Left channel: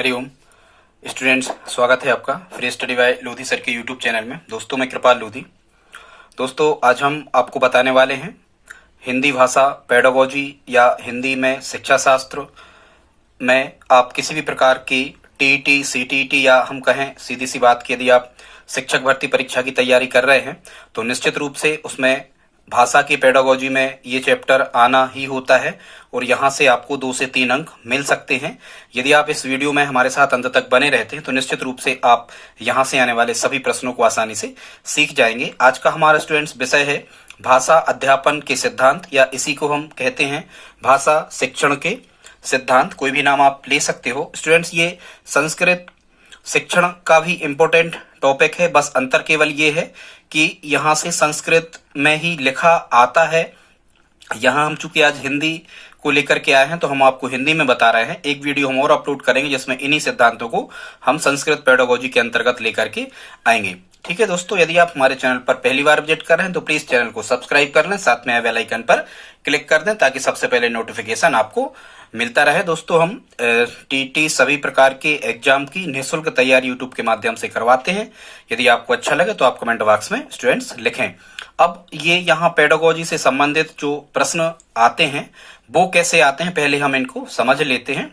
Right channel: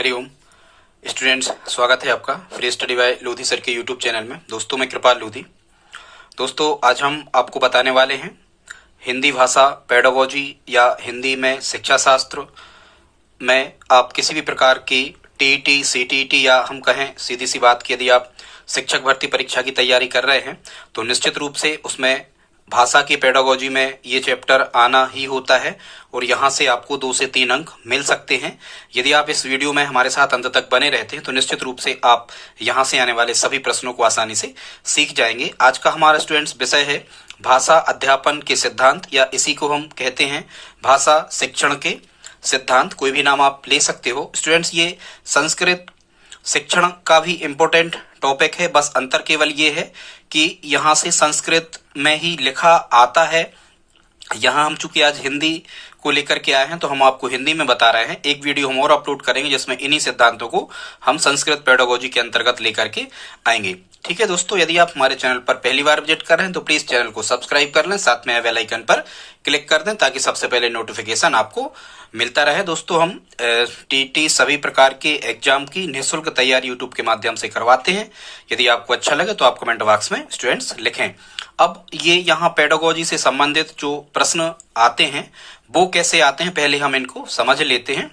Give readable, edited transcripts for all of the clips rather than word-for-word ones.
Hariom students, स्वागत है आपका free study bye Lodhi sir के यूट्यूब चैनल में। दोस्तों, मैं कृपाल लोधी। दोस्तों, आज हम आपको बताने वाले हैं हिंदी भाषा पेडागोजी या हिंदी में शिक्षा शास्त्र में आप किसी भी प्रकार की टीईटी, सीटीईटी या हम कहें सीधी सी बात कि यदि आप शिक्षक भर्ती परीक्षा की तैयारी कर रहे हैं तो निश्चित रूप से उसमें भाषा की पेडागोजी में ये चैप्टर आना ही होता है और यहाँ से आपको 2 से 3 अंक मिल सकते हैं। यदि आप इस वीडियो में हमारे साथ अंत तक बने रहते हैं तो निश्चित रूप से आप यहाँ से आने वाले सभी प्रश्नों को आसानी से सीख जाएंगे। आज का हमारा स्टूडेंट्स विषय है भाषा अध्यापन के सिद्धांत, या इसी को हम कहते हैं भाषा शिक्षण के सिद्धांत। कोई भी नाम आप ले सकते हो। स्टूडेंट्स, ये संस्कृत शिक्षण का भी इम्पोर्टेंट टॉपिक है, बस अंतर केवल ये है कि यहाँ से संस्कृत में ही लिखा आता है। यहाँ हम चूंकि आज हिंदी को लेकर के आए हैं तो हम आपको हिंदी में बता रहे हैं। एक वीडियो हम और अपलोड करेंगे जिसमें इन्हीं सिद्धांतों को हम संस्कृत पेडागोजी के अंतर्गत लेकर के आएंगे। ठीक है दोस्तों, यदि आप हमारे चैनल पर पहली बार विजिट कर रहे हैं तो प्लीज चैनल को सब्सक्राइब कर लें, साथ में बेल आइकन पर क्लिक कर दें ताकि सबसे पहले नोटिफिकेशन आपको मिलता रहे। दोस्तों, हम टीटी सभी प्रकार के एग्जाम की निःशुल्क तैयारी यूट्यूब के माध्यम से करवाते हैं। यदि आपको अच्छा लगे तो आप कमेंट बॉक्स में स्टूडेंट्स लिखें। अब ये यहाँ पेडागोजी से संबंधित जो प्रश्न आते हैं वो कैसे आते हैं, पहले हम इनको समझ लेते हैं।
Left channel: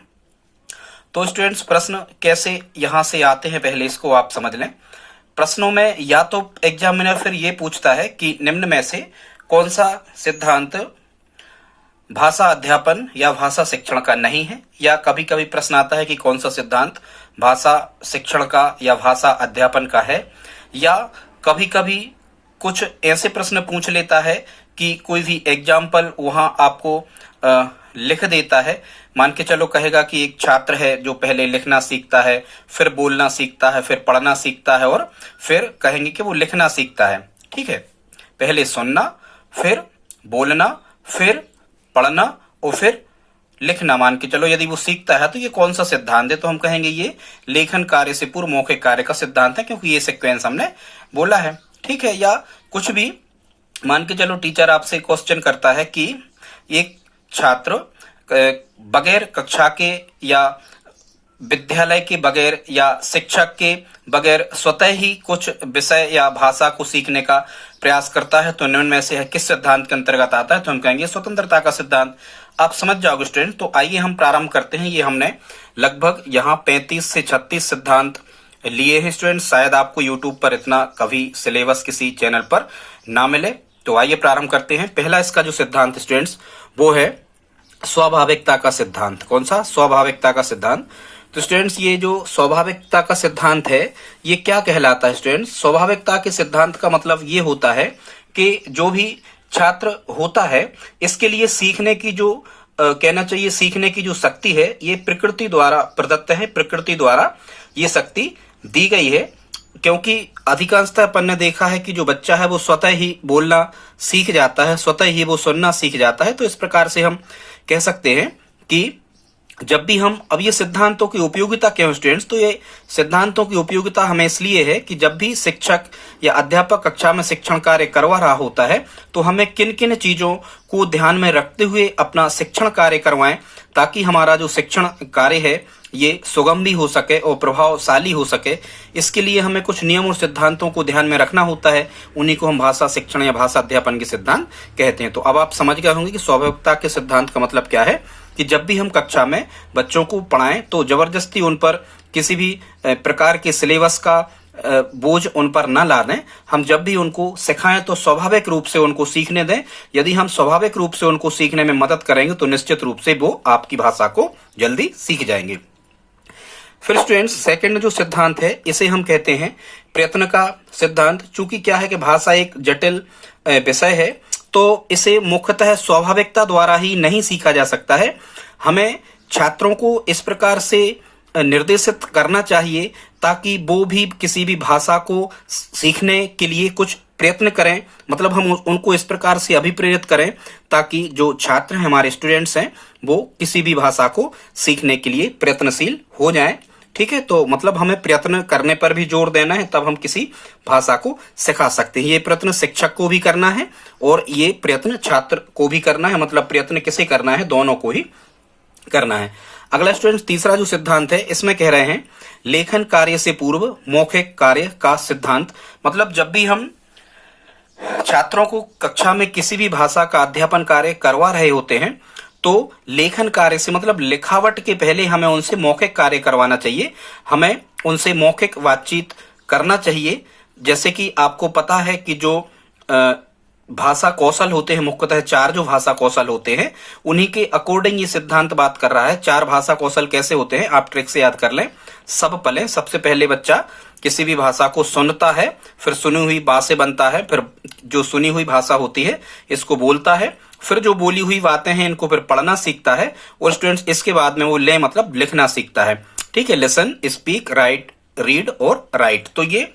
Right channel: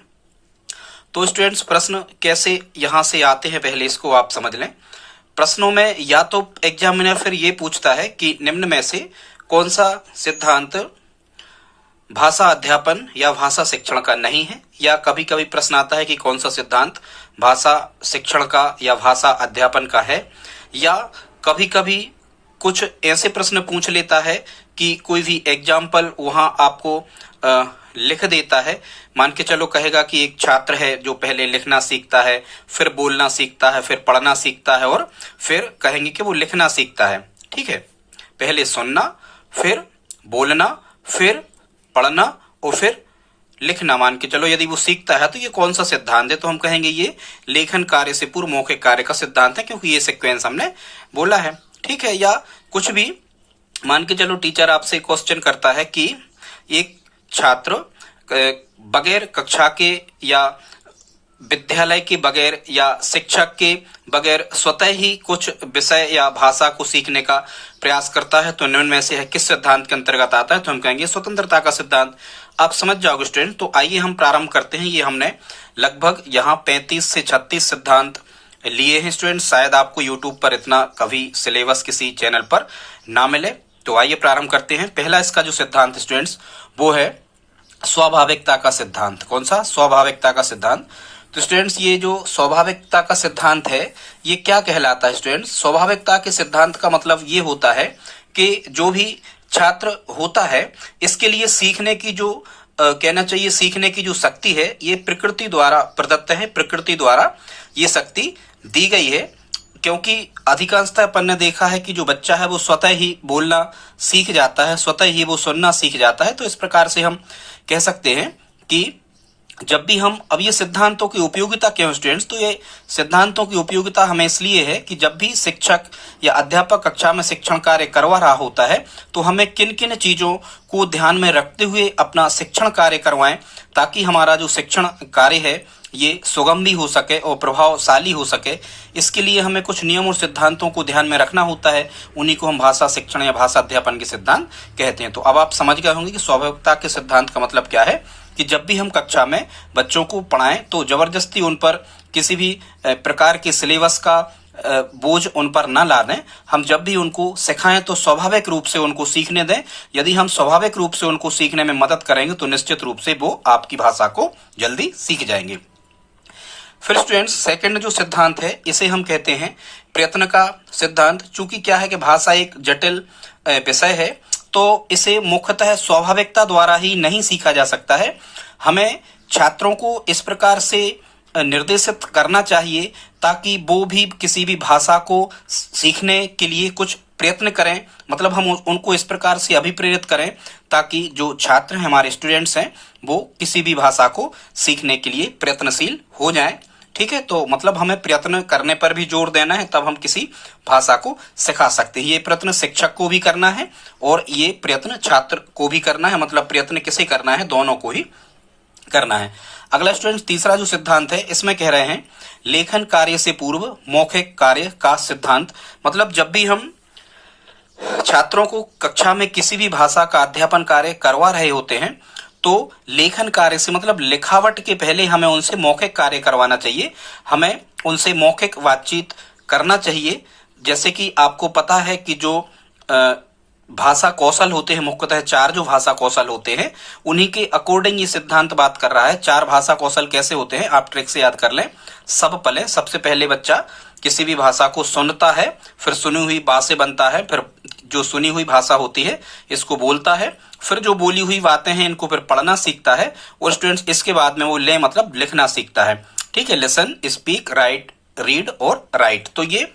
तो स्टूडेंट्स, प्रश्न कैसे यहाँ से आते हैं पहले इसको आप समझ लें। प्रश्नों में या तो एग्जामिनर फिर ये पूछता है कि निम्न में से कौन सा सिद्धांत भाषा अध्यापन या भाषा शिक्षण का नहीं है, या कभी कभी प्रश्न आता है कि कौन सा सिद्धांत भाषा शिक्षण का या भाषा अध्यापन का है, या कभी कभी कुछ ऐसे प्रश्न पूछ लेता है कि कोई भी एग्जाम्पल वहां आपको लिख देता है। मान के चलो कहेगा कि एक छात्र है जो पहले लिखना सीखता है, फिर बोलना सीखता है, फिर पढ़ना सीखता है और फिर कहेंगे कि वो लिखना सीखता है। ठीक है, पहले सुनना, फिर बोलना, फिर पढ़ना और फिर लिखना। मान के चलो यदि वो सीखता है तो ये कौन सा सिद्धांत है, तो हम कहेंगे ये लेखन कार्य से पूर्व मौखिक कार्य का सिद्धांत है, क्योंकि ये सीक्वेंस हमने बोला है। ठीक है, या कुछ भी मान के चलो टीचर आपसे क्वेश्चन करता है कि एक छात्र बगैर कक्षा के या विद्यालय के बगैर या शिक्षक के बगैर स्वतः ही कुछ विषय या भाषा को सीखने का प्रयास करता है तो निम्न में से है किस सिद्धांत के अंतर्गत आता है, तो हम कहेंगे स्वतंत्रता का सिद्धांत। आप समझ जाओगे स्टूडेंट। तो आइए हम प्रारंभ करते हैं। ये हमने लगभग यहाँ 35 से 36 सिद्धांत लिए हैं स्टूडेंट। शायद आपको यूट्यूब पर इतना कभी सिलेबस किसी चैनल पर ना मिले। तो आइए प्रारंभ करते हैं। पहला इसका जो सिद्धांत स्टूडेंट्स वो है स्वाभाविकता का सिद्धांत। कौन सा? स्वाभाविकता का सिद्धांत। तो स्टूडेंट्स, ये जो स्वाभाविकता का सिद्धांत है ये क्या कहलाता है स्टूडेंट्स? स्वाभाविकता के सिद्धांत का मतलब ये होता है कि जो भी छात्र होता है इसके लिए सीखने की जो कहना चाहिए सीखने की जो शक्ति है ये प्रकृति द्वारा प्रदत्त है, प्रकृति द्वारा ये शक्ति दी गई है। क्योंकि अधिकांशतः अपन ने देखा है कि जो बच्चा है वो स्वतः ही बोलना सीख जाता है, स्वतः ही वो सुनना सीख जाता है। तो इस प्रकार से हम कह सकते हैं कि जब भी हम अब ये सिद्धांतों की उपयोगिता क्यों स्टूडेंट्स? तो ये सिद्धांतों की उपयोगिता हमें इसलिए है कि जब भी शिक्षक या अध्यापक कक्षा में शिक्षण कार्य करवा रहा होता है तो हमें किन किन चीजों को ध्यान में रखते हुए अपना शिक्षण कार्य करवाएं ताकि हमारा जो शिक्षण कार्य है ये सुगम भी हो सके और प्रभावशाली हो सके। इसके लिए हमें कुछ नियम और सिद्धांतों को ध्यान में रखना होता है। उन्हीं को हम भाषा शिक्षण या भाषा अध्यापन के सिद्धांत कहते हैं। तो अब आप समझ गए होंगे कि स्वाभाविकता के सिद्धांत का मतलब क्या है कि जब भी हम कक्षा में बच्चों को पढ़ाएं तो जबरदस्ती उन पर किसी भी प्रकार के सिलेबस का बोझ उन पर न ला दें। हम जब भी उनको सिखाएं तो स्वाभाविक रूप से उनको सीखने दें। यदि हम स्वाभाविक रूप से उनको सीखने में मदद करेंगे तो निश्चित रूप से वो आपकी भाषा को जल्दी सीख जाएंगे। फिर स्टूडेंट्स, सेकंड जो सिद्धांत है इसे हम कहते हैं प्रयत्न का सिद्धांत। चूंकि क्या है कि भाषा एक जटिल विषय है तो इसे मुख्यतः स्वाभाविकता द्वारा ही नहीं सीखा जा सकता है। हमें छात्रों को इस प्रकार से निर्देशित करना चाहिए ताकि वो भी किसी भी भाषा को सीखने के लिए कुछ प्रयत्न करें। मतलब हम उनको इस प्रकार से अभिप्रेरित करें ताकि जो छात्र हैं, हमारे स्टूडेंट्स हैं, वो किसी भी भाषा को सीखने के लिए प्रयत्नशील हो जाएं। ठीक है, तो मतलब हमें प्रयत्न करने पर भी जोर देना है, तब हम किसी भाषा को सिखा सकते हैं। ये प्रयत्न शिक्षक को भी करना है और ये प्रयत्न छात्र को भी करना है। मतलब प्रयत्न किसे करना है? दोनों को ही करना है। अगला स्टूडेंट्स तीसरा जो सिद्धांत है इसमें कह रहे हैं लेखन कार्य से पूर्व मौखिक कार्य का सिद्धांत। मतलब जब भी हम छात्रों को कक्षा में किसी भी भाषा का अध्यापन कार्य करवा रहे होते हैं तो लेखन कार्य से मतलब लिखावट के पहले हमें उनसे मौखिक कार्य करवाना चाहिए, हमें उनसे मौखिक बातचीत करना चाहिए। जैसे कि आपको पता है कि जो भाषा कौशल होते हैं, मुख्यतः 4 जो भाषा कौशल होते हैं उन्हीं के अकॉर्डिंग ये सिद्धांत बात कर रहा है। 4 भाषा कौशल कैसे होते हैं आप ट्रिक से याद कर लें। सब पले, सबसे पहले बच्चा किसी भी भाषा को सुनता है, फिर सुनी हुई बातें बनता है, फिर जो सुनी हुई भाषा होती है इसको बोलता है, फिर जो बोली हुई बातें हैं इनको फिर पढ़ना सीखता है, और स्टूडेंट्स इसके बाद में वो ले मतलब लिखना सीखता है। ठीक है, लिसन, स्पीक, राइट, रीड और राइट। तो ये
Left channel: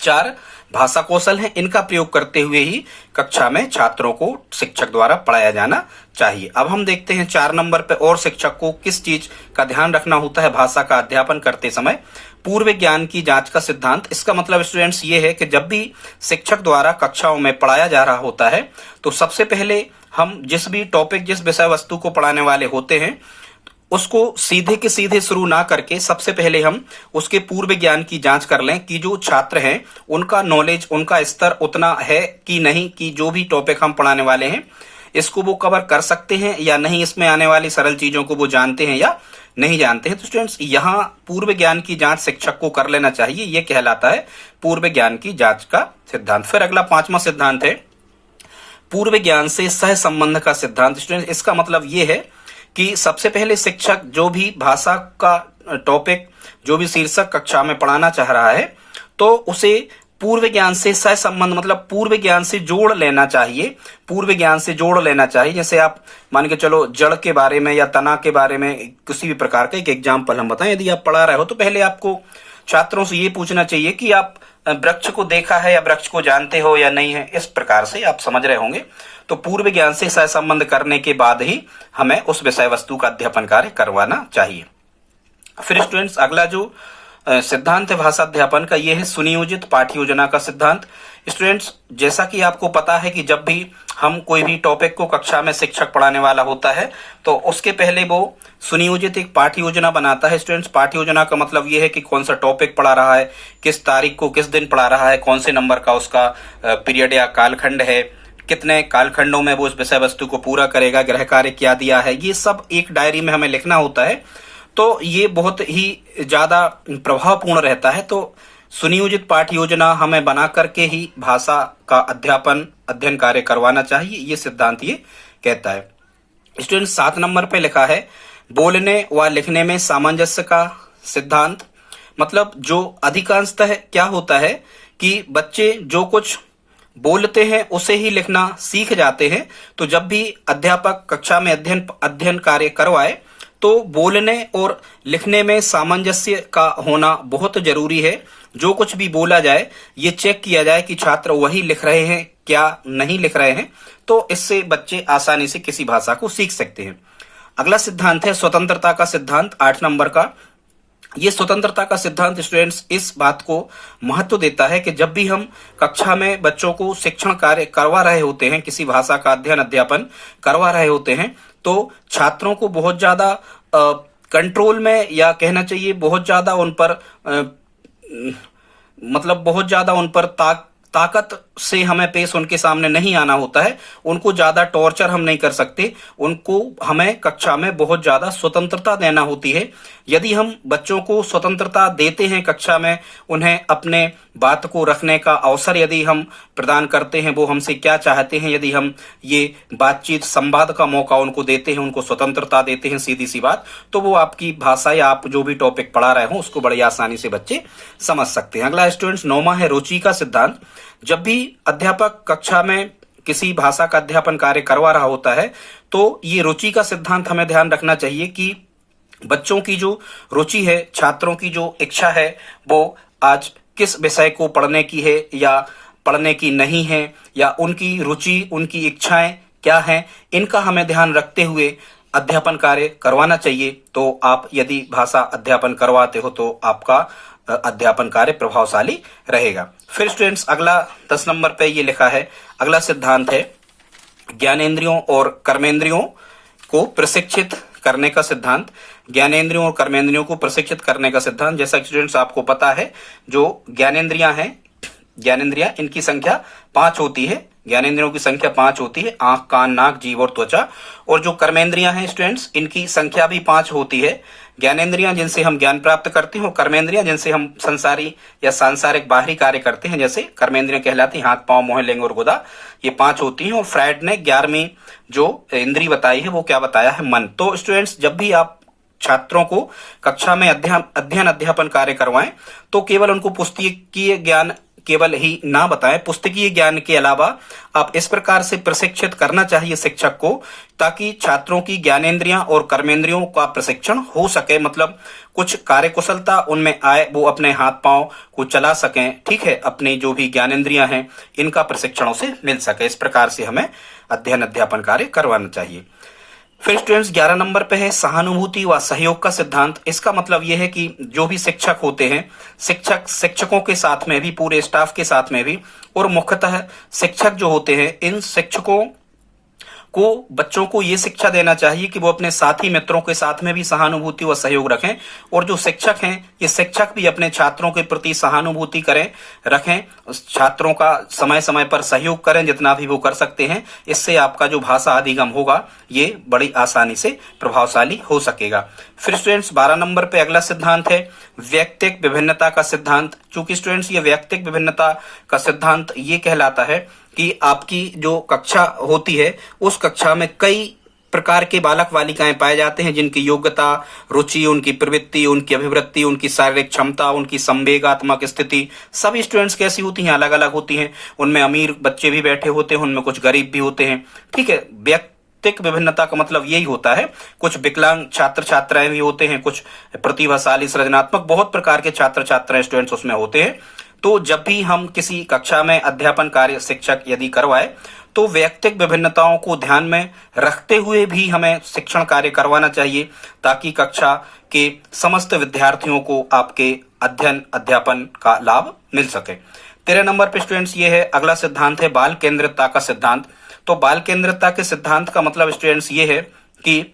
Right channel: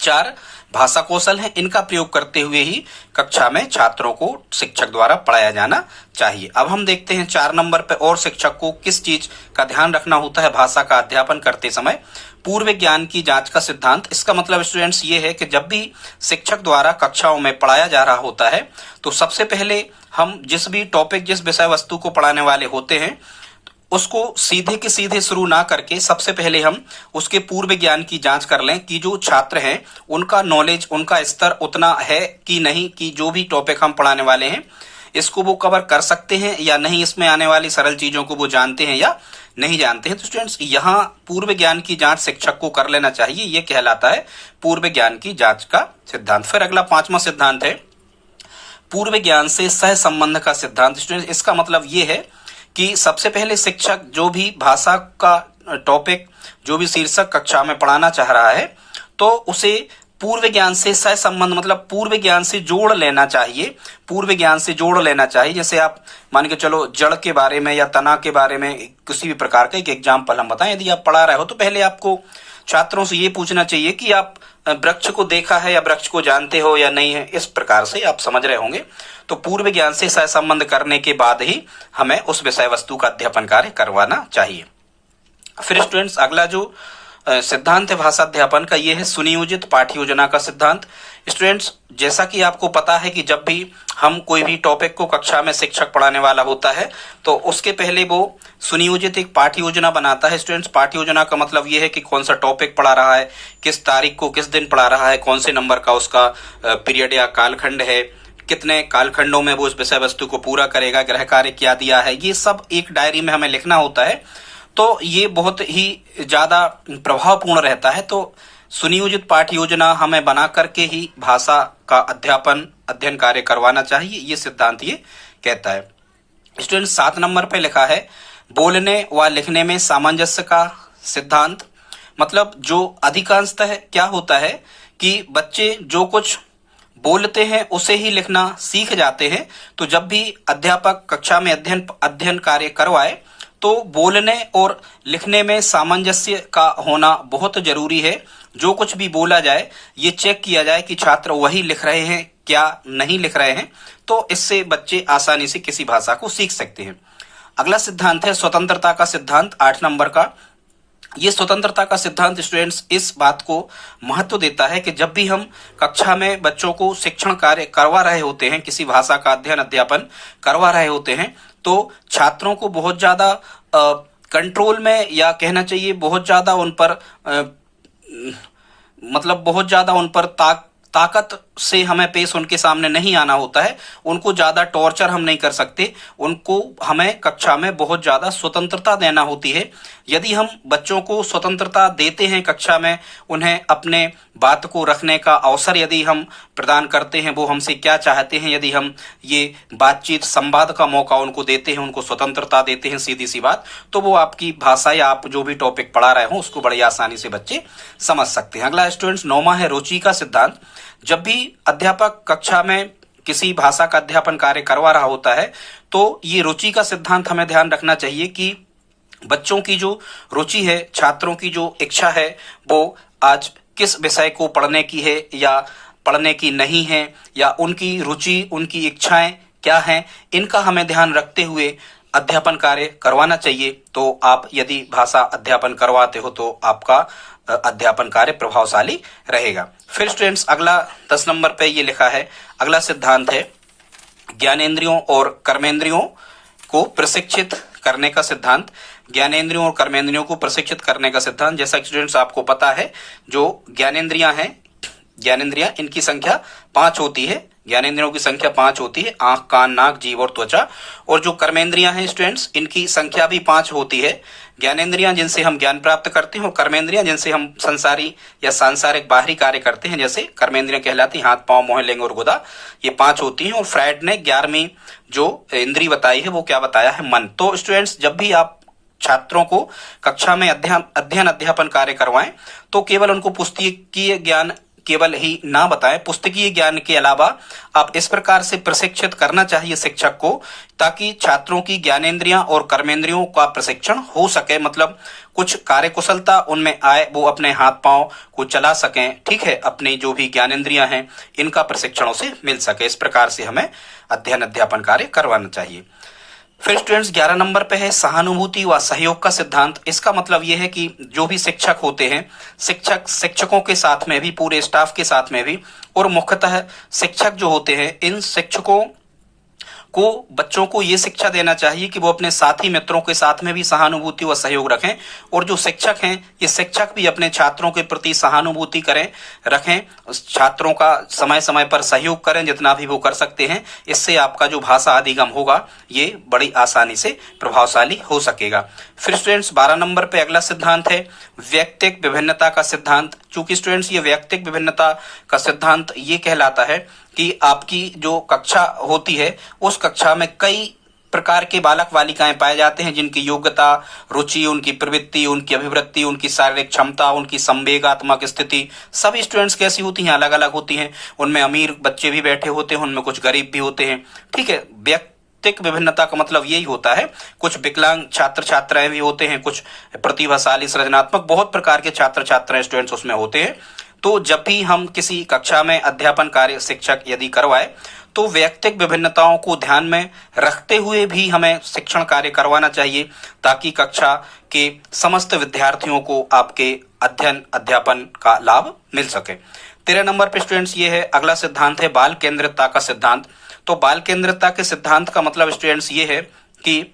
4 भाषा कौशल हैं, इनका प्रयोग करते हुए ही कक्षा में छात्रों को शिक्षक द्वारा पढ़ाया जाना चाहिए। अब हम देखते हैं 4 नंबर पे और शिक्षक को किस चीज का ध्यान रखना होता है भाषा का अध्यापन करते समय। पूर्व ज्ञान की जांच का सिद्धांत। इसका मतलब स्टूडेंट्स ये है कि जब भी शिक्षक द्वारा कक्षाओं में पढ़ाया जा रहा होता है तो सबसे पहले हम जिस भी टॉपिक, जिस विषय वस्तु को पढ़ाने वाले होते हैं उसको सीधे के सीधे शुरू ना करके सबसे पहले हम उसके पूर्व ज्ञान की जांच कर लें कि जो छात्र हैं उनका नॉलेज, उनका स्तर उतना है कि नहीं, कि जो भी टॉपिक हम पढ़ाने वाले हैं इसको वो कवर कर सकते हैं या नहीं, इसमें आने वाली सरल चीजों को वो जानते हैं या नहीं जानते हैं। तो स्टूडेंट्स यहाँ पूर्व ज्ञान की जांच शिक्षक को कर लेना चाहिए, ये कहलाता है पूर्व ज्ञान की जांच का सिद्धांत। फिर अगला 5वां सिद्धांत है पूर्व ज्ञान से सह संबंध का सिद्धांत। स्टूडेंट्स इसका मतलब ये है कि सबसे पहले शिक्षक जो भी भाषा का टॉपिक, जो भी शीर्षक कक्षा में पढ़ाना चाह रहा है तो उसे पूर्व ज्ञान से सह संबंध मतलब पूर्व ज्ञान से जोड़ लेना चाहिए, पूर्व ज्ञान से जोड़ लेना चाहिए। जैसे आप मान के चलो जड़ के बारे में या तना के बारे में किसी भी प्रकार का एक एग्जाम्पल हम बताएं। यदि आप पढ़ा रहे हो तो पहले आपको छात्रों से ये पूछना चाहिए कि आप वृक्ष को देखा है या वृक्ष को जानते हो या नहीं है, इस प्रकार से आप समझ रहे होंगे। तो पूर्व ज्ञान से सहसंबंध करने के बाद ही हमें उस विषय वस्तु का अध्यापन कार्य करवाना चाहिए। फिर स्टूडेंट्स अगला जो सिद्धांत है भाषा अध्यापन का, ये है सुनियोजित पाठ्य योजना का सिद्धांत। स्टूडेंट्स जैसा कि आपको पता है कि जब भी हम कोई भी टॉपिक को कक्षा में शिक्षक पढ़ाने वाला होता है तो उसके पहले वो सुनियोजित एक पाठ्य योजना बनाता है। स्टूडेंट्स पाठ्य योजना का मतलब ये है कि कौन सा टॉपिक पढ़ा रहा है, किस तारीख को किस दिन पढ़ा रहा है, कौन से नंबर का उसका पीरियड या कालखंड है, कितने कालखंडों में वो उस विषय वस्तु को पूरा करेगा, गृह कार्य क्या दिया है, ये सब एक डायरी में हमें लिखना होता है। तो ये बहुत ही ज्यादा प्रभावपूर्ण रहता है। तो सुनियोजित पाठ्य योजना हमें बना करके ही भाषा का अध्ययन कार्य करवाना चाहिए, ये सिद्धांत ये कहता है। स्टूडेंट 7 नंबर पे लिखा है बोलने व लिखने में सामंजस्य का सिद्धांत। मतलब जो अधिकांशतः क्या होता है कि बच्चे जो कुछ बोलते हैं उसे ही लिखना सीख जाते हैं। तो जब भी अध्यापक कक्षा में अध्ययन कार्य करवाए तो बोलने और लिखने में सामंजस्य का होना बहुत जरूरी है। जो कुछ भी बोला जाए ये चेक किया जाए कि छात्र वही लिख रहे हैं क्या नहीं लिख रहे हैं, तो इससे बच्चे आसानी से किसी भाषा को सीख सकते हैं। अगला सिद्धांत है स्वतंत्रता का सिद्धांत 8 नंबर का। ये स्वतंत्रता का सिद्धांत स्टूडेंट्स इस बात को महत्व देता है कि जब भी हम कक्षा में बच्चों को शिक्षण कार्य करवा रहे होते हैं, किसी भाषा का अध्यापन करवा रहे होते हैं, तो छात्रों को बहुत ज्यादा कंट्रोल में या कहना चाहिए बहुत ज्यादा उन पर मतलब बहुत ज्यादा उन पर ताकत से हमें पेश उनके सामने नहीं आना होता है। उनको ज्यादा टॉर्चर हम नहीं कर सकते, उनको हमें कक्षा में बहुत ज्यादा स्वतंत्रता देना होती है। यदि हम बच्चों को स्वतंत्रता देते हैं कक्षा में, उन्हें अपने बात को रखने का अवसर यदि हम प्रदान करते हैं, वो हमसे क्या चाहते हैं, यदि हम ये बातचीत संवाद का मौका उनको देते हैं, उनको स्वतंत्रता देते हैं, सीधी सी बात, तो वो आपकी भाषा या आप जो भी टॉपिक पढ़ा रहे हो उसको बड़ी आसानी से बच्चे समझ सकते हैं। अगला स्टूडेंट्स 9वां है रुचि का सिद्धांत। जब भी अध्यापक कक्षा में किसी भाषा का अध्यापन कार्य करवा रहा होता है तो ये रुचि का सिद्धांत हमें ध्यान रखना चाहिए कि बच्चों की जो रुचि है, छात्रों की जो इच्छा है, वो आज किस विषय को पढ़ने की है या पढ़ने की नहीं है, या उनकी रुचि उनकी इच्छाएं क्या हैं, इनका हमें ध्यान रखते हुए अध्यापन कार्य करवाना चाहिए। तो आप यदि भाषा अध्यापन करवाते हो तो आपका अध्यापन कार्य प्रभावशाली रहेगा। फिर स्टूडेंट्स अगला 10 नंबर पे ये लिखा है, अगला सिद्धांत है ज्ञानेंद्रियों और कर्मेंद्रियों को प्रशिक्षित करने का सिद्धांत, ज्ञानेंद्रियों और कर्मेंद्रियों को प्रशिक्षित करने का सिद्धांत। जैसा कि स्टूडेंट्स आपको पता है, जो ज्ञानेंद्रियां हैं, ज्ञानेंद्रियां, इनकी संख्या 5 होती है। ज्ञानेंद्रियों की संख्या 5 होती है, आंख, कान, नाक, जीभ और त्वचा। और जो कर्मेंद्रियां हैं स्टूडेंट्स, इनकी संख्या भी 5 होती है। ज्ञानेंद्रियां जिनसे हम ज्ञान प्राप्त करते हैं, और कर्मेंद्रियां जिनसे हम संसारी या सांसारिक बाहरी कार्य करते हैं, जैसे कर्मेंद्रियां कहलाती हाथ, पांव, मोह, लिंग और गुदा, ये 5 होती हैं। और फ्रायड ने 11वीं जो इंद्री बताई है वो क्या बताया है? मन। तो स्टूडेंट्स, जब भी आप छात्रों को कक्षा में अध्ययन अध्यापन कार्य करवाएं तो केवल उनको पुस्तकीय ज्ञान केवल ही ना बताएं, पुस्तकीय ज्ञान के अलावा आप इस प्रकार से प्रशिक्षित करना चाहिए शिक्षक को, ताकि छात्रों की ज्ञानेंद्रियां और कर्मेंद्रियों का प्रशिक्षण हो सके, मतलब कुछ कार्यकुशलता उनमें आए, वो अपने हाथ पांव को चला सकें, ठीक है, अपनी जो भी ज्ञानेंद्रियां हैं इनका प्रशिक्षणों से मिल सके। इस प्रकार से हमें अध्ययन अध्यापन कार्य करवाना चाहिए। फिर स्टूडेंट्स 11 नंबर पे है सहानुभूति व सहयोग का सिद्धांत। इसका मतलब यह है कि जो भी शिक्षक होते हैं, शिक्षकों के साथ में भी, पूरे स्टाफ के साथ में भी, और मुख्यतः शिक्षक जो होते हैं, इन शिक्षकों को बच्चों को ये शिक्षा देना चाहिए कि वो अपने साथी मित्रों के साथ में भी सहानुभूति व सहयोग रखें। और जो शिक्षक हैं, ये शिक्षक भी अपने छात्रों के प्रति सहानुभूति रखें, छात्रों का समय समय पर सहयोग करें जितना भी वो कर सकते हैं। इससे आपका जो भाषा अधिगम होगा ये बड़ी आसानी से प्रभावशाली हो सकेगा। फिर स्टूडेंट्स 12 नंबर पे अगला सिद्धांत है व्यक्तिक विभिन्नता का सिद्धांत। चूंकि स्टूडेंट्स ये व्यक्तिक विभिन्नता का सिद्धांत ये कहलाता है कि आपकी जो कक्षा होती है उस कक्षा में कई प्रकार के बालक बालिकाएं पाए जाते हैं, जिनकी योग्यता, रुचि, उनकी प्रवृत्ति, उनकी अभिवृत्ति, उनकी शारीरिक क्षमता, उनकी संवेगात्मक स्थिति, सभी स्टूडेंट्स कैसी होती हैं? अलग अलग होती हैं। उनमें अमीर बच्चे भी बैठे होते हैं, उनमें कुछ गरीब भी होते हैं, ठीक है। व्यक्तिक विभिन्नता का मतलब यही होता है। कुछ विकलांग छात्र छात्राएं भी होते हैं, कुछ प्रतिभाशाली, सृजनात्मक, बहुत प्रकार के छात्र छात्राएं स्टूडेंट्स उसमें होते हैं। तो जब भी हम किसी कक्षा में अध्यापन कार्य शिक्षक यदि करवाए तो व्यक्तिक विभिन्नताओं को ध्यान में रखते हुए भी हमें शिक्षण कार्य करवाना चाहिए, ताकि कक्षा के समस्त विद्यार्थियों को आपके अध्ययन अध्यापन का लाभ मिल सके। 13 नंबर पे स्टूडेंट्स ये है अगला सिद्धांत है बाल केंद्रितता का सिद्धांत। तो बाल केंद्रितता के सिद्धांत का मतलब स्टूडेंट्स ये है कि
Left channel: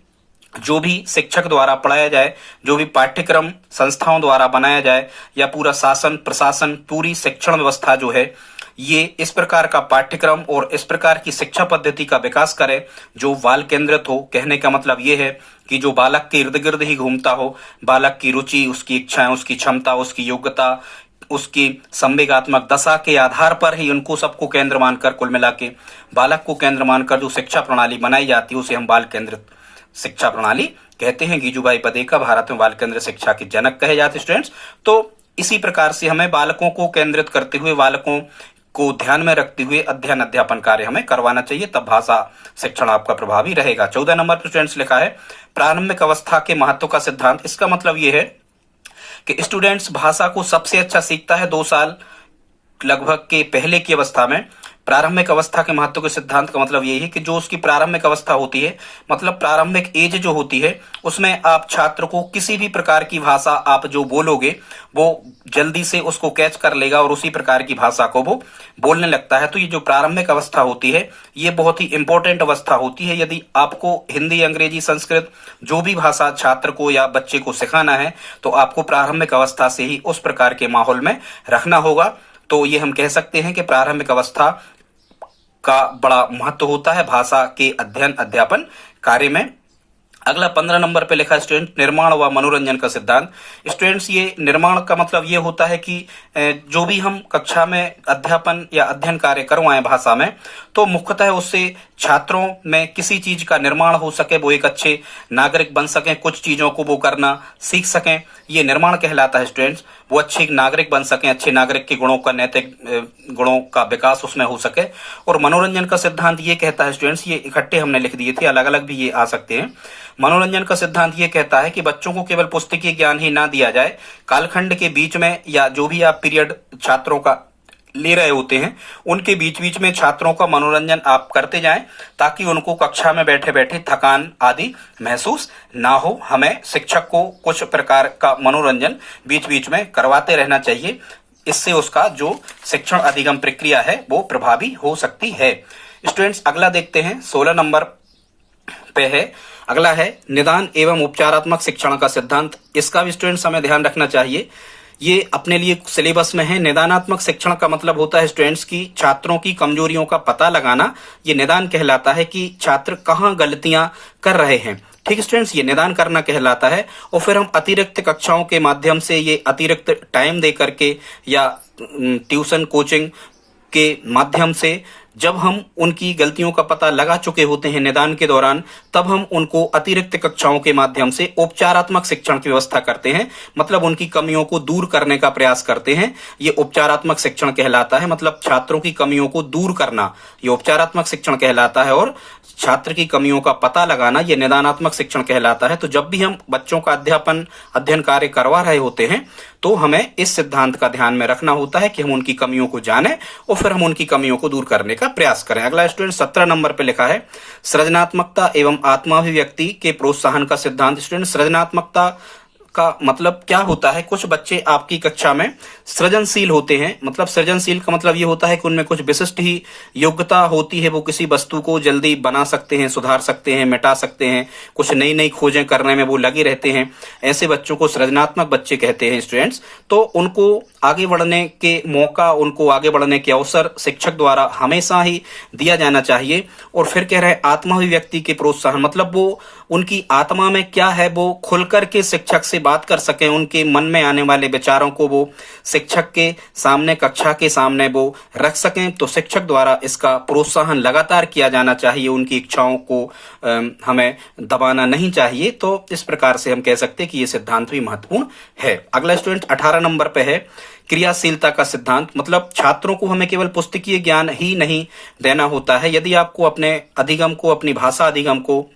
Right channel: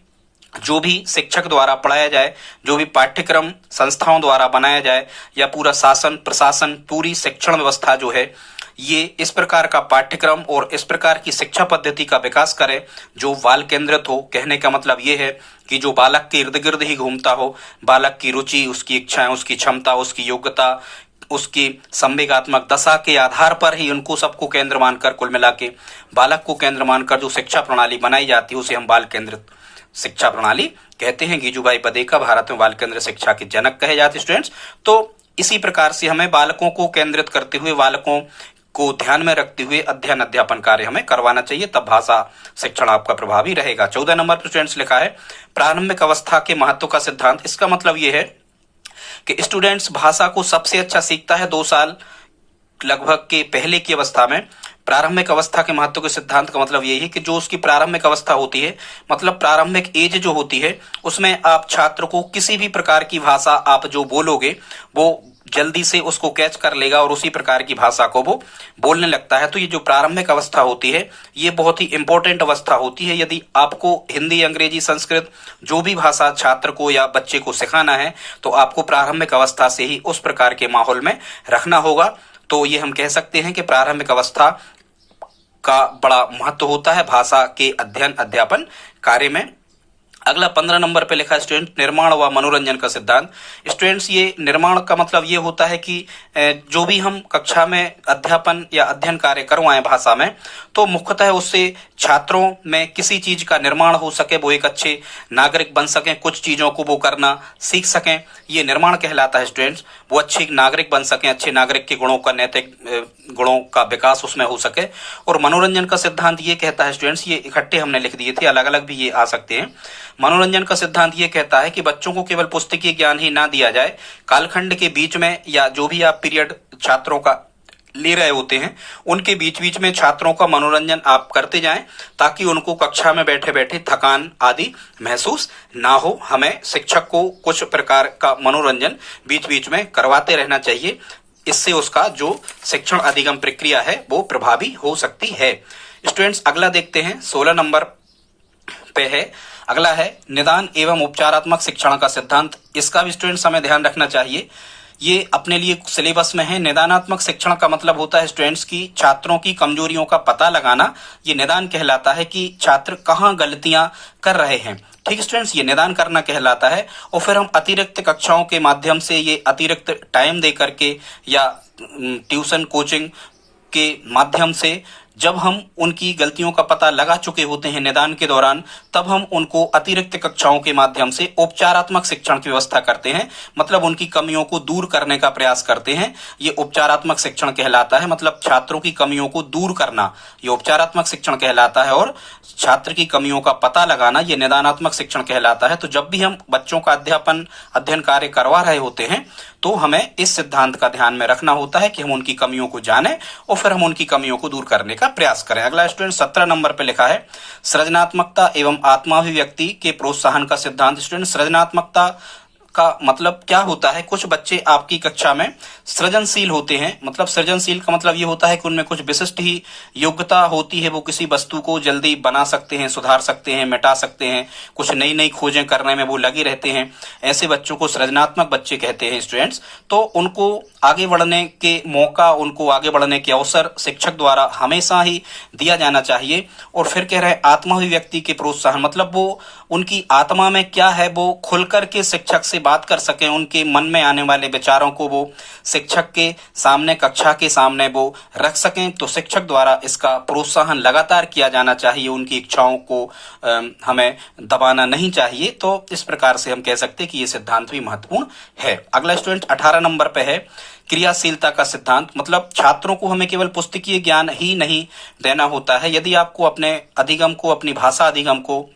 जो भी शिक्षक द्वारा पढ़ाया जाए, जो भी पाठ्यक्रम संस्थाओं द्वारा बनाया जाए, या पूरा शासन प्रशासन, पूरी शिक्षण व्यवस्था जो है, ये इस प्रकार का पाठ्यक्रम और इस प्रकार की शिक्षा पद्धति का विकास करे जो बाल केंद्रित हो। कहने का मतलब ये है कि जो बालक के इर्द गिर्द ही घूमता हो, बालक की रुचि, उसकी इच्छाएं, उसकी क्षमता, उसकी योग्यता, उसकी संवेगात्मक दशा के आधार पर ही उनको सबको केंद्र मानकर, कुल मिला के बालक को केंद्र मानकर जो शिक्षा प्रणाली बनाई जाती है उसे हम बाल केंद्रित शिक्षा प्रणाली कहते हैं। गिजुभाई पदेका भारत में बाल केंद्रित शिक्षा के जनक कहे जाते स्टूडेंट्स। तो इसी प्रकार से हमें बालकों को केंद्रित करते हुए, बालकों को ध्यान में रखते हुए अध्ययन अध्यापन कार्य हमें करवाना चाहिए, तब भाषा शिक्षण आपका प्रभावी रहेगा। 14 नंबर पर स्टूडेंट्स लिखा है प्रारंभिक अवस्था के महत्व का सिद्धांत। इसका मतलब ये है कि स्टूडेंट्स भाषा को सबसे अच्छा सीखता है 2 साल लगभग के पहले की अवस्था में। प्रारंभिक अवस्था के महत्व के सिद्धांत का मतलब यही है कि जो उसकी प्रारंभिक अवस्था होती है, मतलब प्रारंभिक एज जो होती है, उसमें आप छात्र को किसी भी प्रकार की भाषा आप जो बोलोगे वो जल्दी से उसको कैच कर लेगा और उसी प्रकार की भाषा को वो बोलने लगता है। तो ये जो प्रारंभिक अवस्था होती है ये बहुत ही इंपॉर्टेंट अवस्था होती है। यदि आपको हिंदी, अंग्रेजी, संस्कृत जो भी भाषा छात्र को या बच्चे को सिखाना है तो आपको प्रारंभिक अवस्था से ही उस प्रकार के माहौल में रखना होगा। तो ये हम कह सकते हैं कि प्रारंभिक अवस्था का बड़ा महत्व होता है भाषा के अध्ययन अध्यापन कार्य में। अगला 15 नंबर पे लिखा है स्टूडेंट निर्माण व मनोरंजन का सिद्धांत। स्टूडेंट्स ये निर्माण का मतलब ये होता है कि जो भी हम कक्षा में अध्यापन या अध्ययन कार्य करवाएं भाषा में, तो मुख्यतः उससे छात्रों में किसी चीज का निर्माण हो सके, वो एक अच्छे नागरिक बन सकें, कुछ चीजों को वो करना सीख सकें, ये निर्माण कहलाता है स्टूडेंट्स। वो अच्छे नागरिक बन सकें, अच्छे नागरिक के गुणों का, नैतिक गुणों का विकास उसमें हो सके। और मनोरंजन का सिद्धांत ये कहता है स्टूडेंट्स, ये इकट्ठे हमने लिख दिए थे, अलग अलग भी ये आ सकते हैं। मनोरंजन का सिद्धांत ये कहता है कि बच्चों को केवल पुस्तकीय ज्ञान ही ना दिया जाए, कालखंड के बीच में या जो भी आप पीरियड छात्रों का ले रहे होते हैं उनके बीच बीच में छात्रों का मनोरंजन आप करते जाएं, ताकि उनको कक्षा में बैठे बैठे थकान आदि महसूस ना हो। हमें शिक्षक को कुछ प्रकार का मनोरंजन बीच बीच में करवाते रहना चाहिए, इससे उसका जो शिक्षण अधिगम प्रक्रिया है वो प्रभावी हो सकती है। स्टूडेंट्स अगला देखते हैं 16 नंबर पे है। अगला है निदान एवं उपचारात्मक शिक्षण का सिद्धांत। इसका भी स्टूडेंट्स हमें ध्यान रखना चाहिए, ये अपने लिए सिलेबस में है। निदानात्मक शिक्षण का मतलब होता है स्टूडेंट्स की छात्रों की कमजोरियों का पता लगाना। ये निदान कहलाता है कि छात्र कहाँ गलतियां कर रहे हैं। ठीक स्टूडेंट्स, ये निदान करना कहलाता है। और फिर हम अतिरिक्त कक्षाओं के माध्यम से, ये अतिरिक्त टाइम दे करके या ट्यूशन कोचिंग के माध्यम से जब हम उनकी गलतियों का पता लगा चुके होते हैं निदान के दौरान, तब हम उनको अतिरिक्त कक्षाओं के माध्यम से उपचारात्मक शिक्षण की व्यवस्था करते हैं। मतलब उनकी कमियों को दूर करने का प्रयास करते हैं। ये उपचारात्मक शिक्षण कहलाता है। मतलब छात्रों की कमियों को दूर करना ये उपचारात्मक शिक्षण कहलाता है, और छात्र की कमियों का पता लगाना ये निदानात्मक शिक्षण कहलाता है। तो जब भी हम बच्चों का अध्ययन कार्य करवा रहे होते हैं तो हमें इस सिद्धांत का ध्यान में रखना होता है कि हम उनकी कमियों को जानें और फिर हम उनकी कमियों को दूर करने का प्रयास करें। अगला स्टूडेंट 17 नंबर पे लिखा है सृजनात्मकता एवं आत्माभिव्यक्ति के प्रोत्साहन का सिद्धांत। स्टूडेंट, सृजनात्मकता का मतलब क्या होता है? कुछ बच्चे आपकी कक्षा में सृजनशील होते हैं। मतलब सृजनशील का मतलब ये होता है कि उनमें कुछ विशिष्ट ही योग्यता होती है। वो किसी वस्तु को जल्दी बना सकते हैं, सुधार सकते हैं, मिटा सकते हैं, कुछ नई नई खोजें करने में वो लगे रहते हैं। ऐसे बच्चों को सृजनात्मक बच्चे कहते हैं स्टूडेंट्स। तो उनको आगे बढ़ने के मौका, उनको आगे बढ़ने के अवसर शिक्षक द्वारा हमेशा ही दिया जाना चाहिए। और फिर कह रहे हैं आत्माभिव्यक्ति के प्रोत्साहन, मतलब वो उनकी आत्मा में क्या है वो खुलकर के शिक्षक से बात कर सकें। उनके मन में आने वाले विचारों को वो शिक्षक के सामने, कक्षा के सामने वो रख सकें। तो शिक्षक द्वारा इसका प्रोत्साहन लगातार किया जाना चाहिए। उनकी इच्छाओं को हमें दबाना नहीं चाहिए। तो इस प्रकार से हम कह सकते हैं कि ये सिद्धांत भी महत्वपूर्ण है। अगला स्टूडेंट 18 नंबर पे है क्रियाशीलता का सिद्धांत। मतलब छात्रों को हमें केवल पुस्तकीय ज्ञान ही नहीं देना होता है। यदि आपको अपने अधिगम को, अपनी भाषा अधिगम को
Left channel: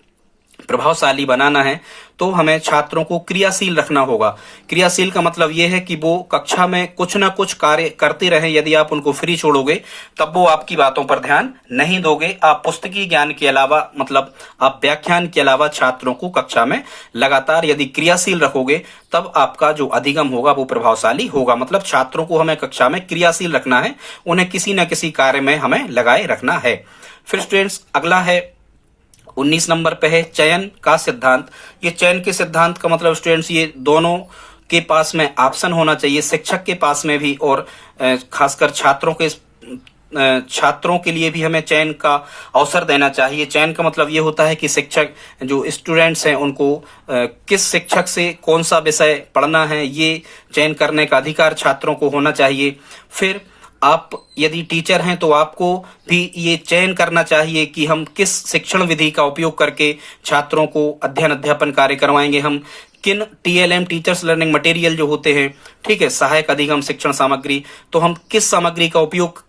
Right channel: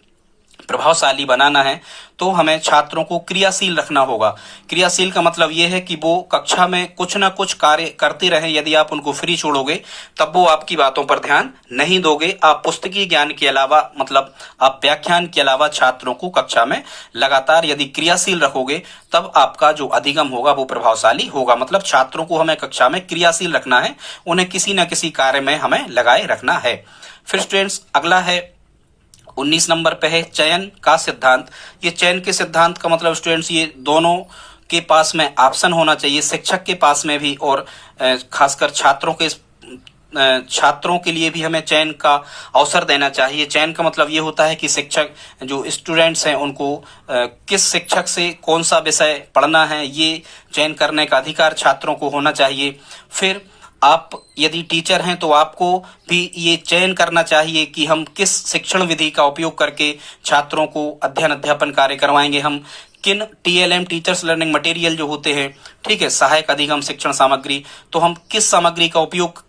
प्रभावशाली बनाना है तो हमें छात्रों को क्रियाशील रखना होगा। क्रियाशील का मतलब यह है कि वो कक्षा में कुछ ना कुछ कार्य करते रहें। यदि आप उनको फ्री छोड़ोगे तब वो आपकी बातों पर ध्यान नहीं दोगे। आप पुस्तकीय ज्ञान के अलावा, मतलब आप व्याख्यान के अलावा छात्रों को कक्षा में लगातार यदि क्रियाशील रखोगे तब आपका जो अधिगम होगा वो प्रभावशाली होगा। मतलब छात्रों को हमें कक्षा में क्रियाशील रखना है, उन्हें किसी न किसी कार्य में हमें लगाए रखना है। फिर स्टूडेंट्स अगला है 19 नंबर पे है चयन का सिद्धांत। ये चयन के सिद्धांत का मतलब स्टूडेंट्स ये दोनों के पास में ऑप्शन होना चाहिए, शिक्षक के पास में भी और खासकर छात्रों के लिए भी हमें चयन का अवसर देना चाहिए। चयन का मतलब ये होता है कि शिक्षक, जो स्टूडेंट्स हैं, उनको किस शिक्षक से कौन सा विषय पढ़ना है ये चयन करने का अधिकार छात्रों को होना चाहिए। फिर आप यदि टीचर हैं तो आपको भी ये चयन करना चाहिए कि हम किस शिक्षण विधि का उपयोग करके छात्रों को अध्ययन कार्य करवाएंगे। हम किन TLM टीचर्स लर्निंग मटेरियल जो होते हैं, ठीक है, सहायक अधिगम शिक्षण सामग्री, तो हम किस सामग्री का उपयोग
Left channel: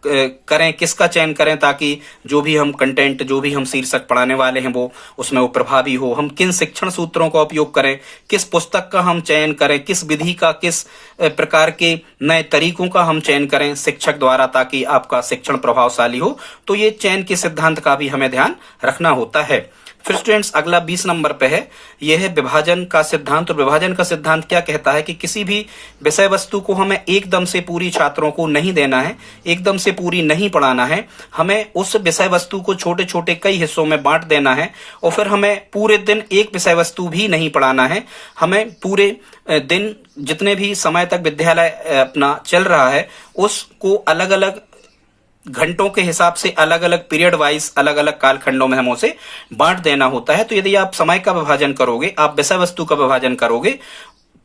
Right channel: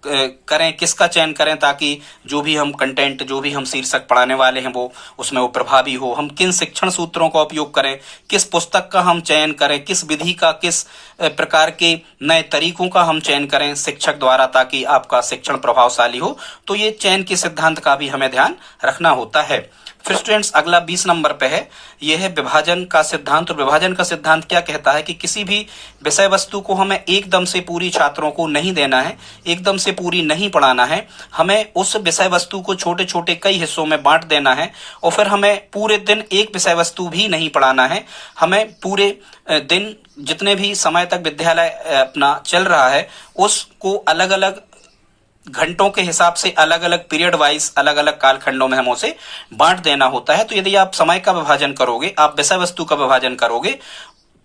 करें, किसका चयन करें ताकि जो भी हम कंटेंट, जो भी हम शीर्षक पढ़ाने वाले हैं वो उसमें वो प्रभावी हो। हम किन शिक्षण सूत्रों का उपयोग करें, किस पुस्तक का हम चयन करें, किस विधि का, किस प्रकार के नए तरीकों का हम चयन करें शिक्षक द्वारा ताकि आपका शिक्षण प्रभावशाली हो। तो ये चयन के सिद्धांत का भी हमें ध्यान रखना होता है। फिर स्टूडेंट्स अगला 20 नंबर पे है, यह है विभाजन का सिद्धांत। और विभाजन का सिद्धांत क्या कहता है कि किसी भी विषय वस्तु को हमें एकदम से पूरी छात्रों को नहीं देना है, एकदम से पूरी नहीं पढ़ाना है। हमें उस विषय वस्तु को छोटे छोटे कई हिस्सों में बांट देना है। और फिर हमें पूरे दिन एक विषय वस्तु भी नहीं पढ़ाना है। हमें पूरे दिन जितने भी समय तक विद्यालय अपना चल रहा है उसको अलग अलग घंटों के हिसाब से, अलग अलग पीरियड वाइज, अलग अलग कालखंडों में हम उसे बांट देना होता है। तो यदि आप समय का विभाजन करोगे, आप विषय वस्तु का विभाजन करोगे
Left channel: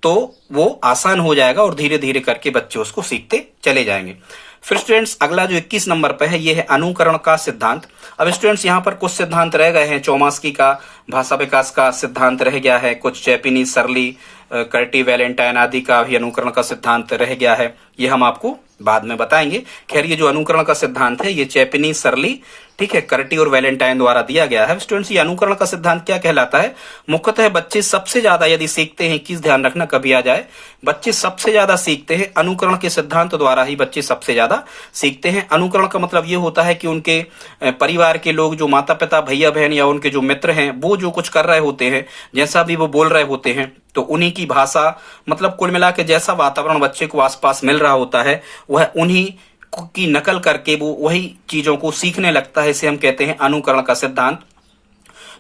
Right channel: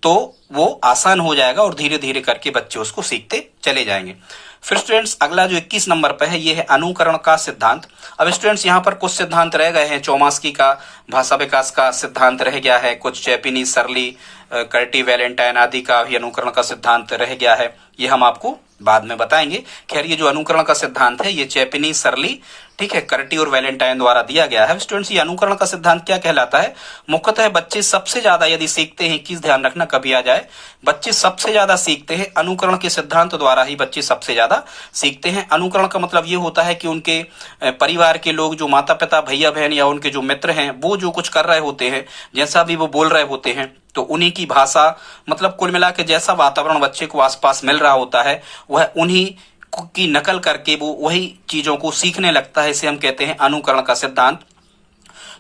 तो वो आसान हो जाएगा और धीरे धीरे करके बच्चे उसको सीखते चले जाएंगे। फिर स्टूडेंट्स अगला जो 21 नंबर पे है ये है अनुकरण का सिद्धांत। अब स्टूडेंट्स यहाँ पर कुछ सिद्धांत रह गए हैं। चौमास्की का भाषा विकास का सिद्धांत रह गया है, कुछ जैपनीज, सर्ली, कर्टी, वैलेंटाइन आदि का भी अनुकरण का सिद्धांत रह गया है। ये हम आपको बाद में बताएंगे। खैर ये जो अनुकरण का सिद्धांत है ये जैपनीज, सर्ली, ठीक है, कर्टी और वैलेंटाइन द्वारा दिया गया है। स्टूडेंट्स ये अनुकरण का सिद्धांत क्या कहलाता है? मुख्यतः बच्चे सबसे ज्यादा यदि सीखते हैं, किस ध्यान रखना कभी आ जाए, बच्चे सबसे ज्यादा सीखते हैं अनुकरण के सिद्धांत द्वारा ही बच्चे सबसे ज्यादा सीखते हैं। अनुकरण का मतलब ये होता है कि उनके परिवार के लोग, जो माता पिता, भैया बहन या उनके जो मित्र हैं, वो जो कुछ कर रहे होते हैं, जैसा भी वो बोल रहे होते हैं, तो उन्हीं की भाषा, मतलब कुल मिला के जैसा वातावरण बच्चे को आसपास मिल रहा होता है वह उन्हीं की नकल करके वो वही चीजों को सीखने लगता है। इसे हम कहते हैं अनुकरण का सिद्धांत।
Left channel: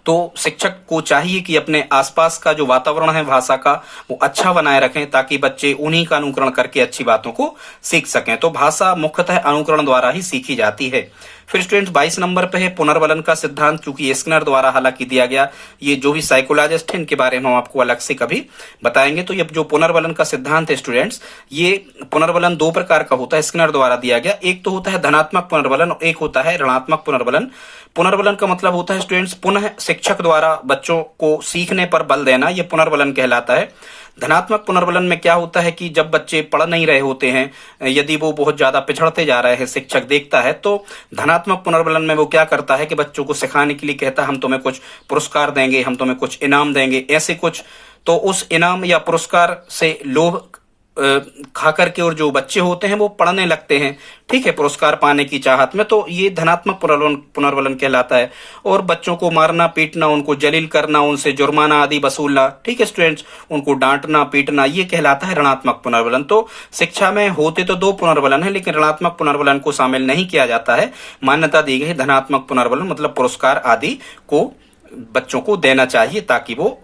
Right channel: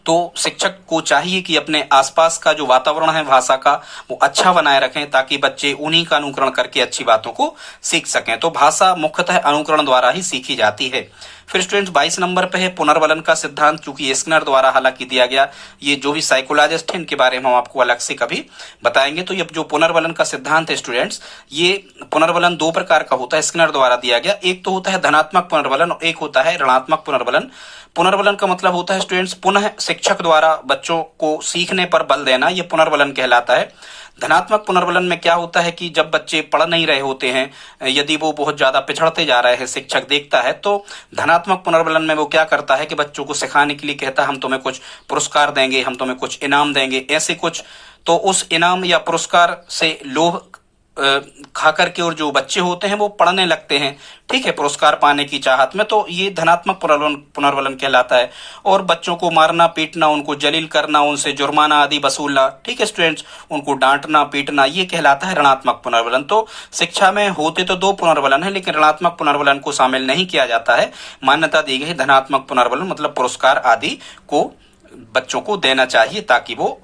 तो शिक्षक को चाहिए कि अपने आसपास का जो वातावरण है भाषा का वो अच्छा बनाए रखें, ताकि बच्चे उन्हीं का अनुकरण करके अच्छी बातों को सीख सकें। तो भाषा मुख्यतः अनुकरण द्वारा ही सीखी जाती है। फिर स्टूडेंट्स 22 नंबर पे है पुनर्वलन का सिद्धांत, क्योंकि स्किनर द्वारा हालांकि दिया गया, ये जो भी साइकोलॉजिस्ट है इनके बारे में हम आपको अलग से कभी बताएंगे। तो ये जो पुनर्वलन का सिद्धांत है स्टूडेंट्स, ये पुनर्वलन दो प्रकार का होता है, स्किनर द्वारा दिया गया। एक तो होता है धनात्मक पुनर्वलन और एक होता है ऋणात्मक पुनर्वलन। पुनर्वलन का मतलब होता है स्टूडेंट्स पुनः शिक्षक द्वारा बच्चों को सीखने पर बल देना, ये पुनर्वलन कहलाता है। धनात्मक पुनर्वलन में क्या होता है कि जब बच्चे पढ़ नहीं रहे होते हैं, यदि वो बहुत ज्यादा पिछड़ते जा रहे हैं, शिक्षक देखता है, तो धनात्मक पुनर्वलन में वो क्या करता है कि बच्चों को सिखाने के लिए कहता है हम तुम्हें कुछ पुरस्कार देंगे, हम तुम्हें कुछ इनाम देंगे, ऐसे कुछ। तो उस इनाम या पुरस्कार से लोभ खा करके और जो बच्चे होते हैं वो पढ़ने लगते हैं, ठीक है, पुरस्कार पाने की चाहत में। तो ये धनात्मक पुनर्वलन कहलाता है। और बच्चों को मारना पीटना, उनको जलील करना, उनसे जुर्माना आदि वसूलना, ठीक है स्टूडेंट्स, उनको डांटना पीटना, ये कहलाता है ऋणात्मक पुनर्वलन। तो शिक्षा में होते तो दो पुनर्वलन है, लेकिन ऋणात्मक पुनर्वलन को शामिल नहीं किया जाता है। मान्यता दी गई धनात्मक पुनर्वलन मतलब पुरस्कार आदि को बच्चों को देना चाहिए, ताकि वो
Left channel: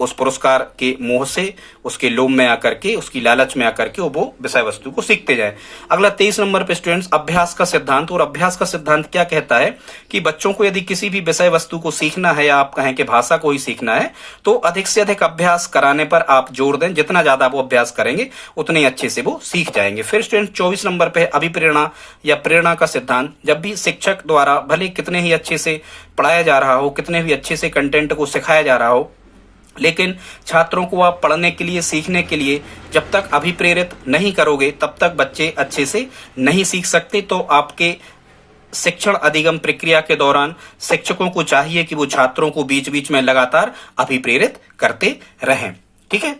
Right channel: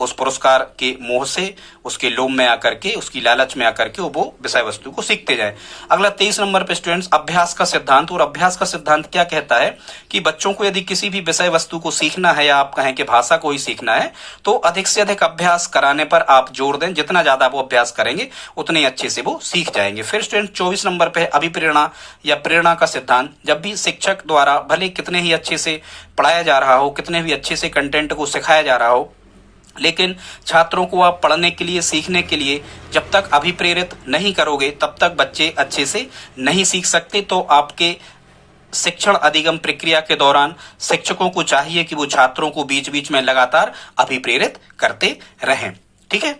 उस पुरस्कार के मोह से, उसके लोभ में आकर के, उसकी लालच में आकर के वो विषय वस्तु को सीखते जाए। अगला 23 नंबर पे स्टूडेंट्स अभ्यास का सिद्धांत। और अभ्यास का सिद्धांत क्या कहता है कि बच्चों को यदि किसी भी विषय वस्तु को सीखना है, या आप कहें कि भाषा को ही सीखना है, तो अधिक से अधिक अभ्यास कराने पर आप जोर दें। जितना ज्यादा वो अभ्यास करेंगे उतने अच्छे से वो सीख जाएंगे। फिर स्टूडेंट 24 नंबर पे अभिप्रेरणा या प्रेरणा का सिद्धांत। जब भी शिक्षक द्वारा भले कितने ही अच्छे से पढ़ाया जा रहा हो, कितने भी अच्छे से कंटेंट को सिखाया जा रहा हो, लेकिन छात्रों को आप पढ़ने के लिए, सीखने के लिए जब तक अभिप्रेरित नहीं करोगे, तब तक बच्चे अच्छे से नहीं सीख सकते। तो आपके शिक्षण अधिगम प्रक्रिया के दौरान शिक्षकों को चाहिए कि वो छात्रों को बीच बीच में लगातार अभिप्रेरित करते रहें। ठीक है,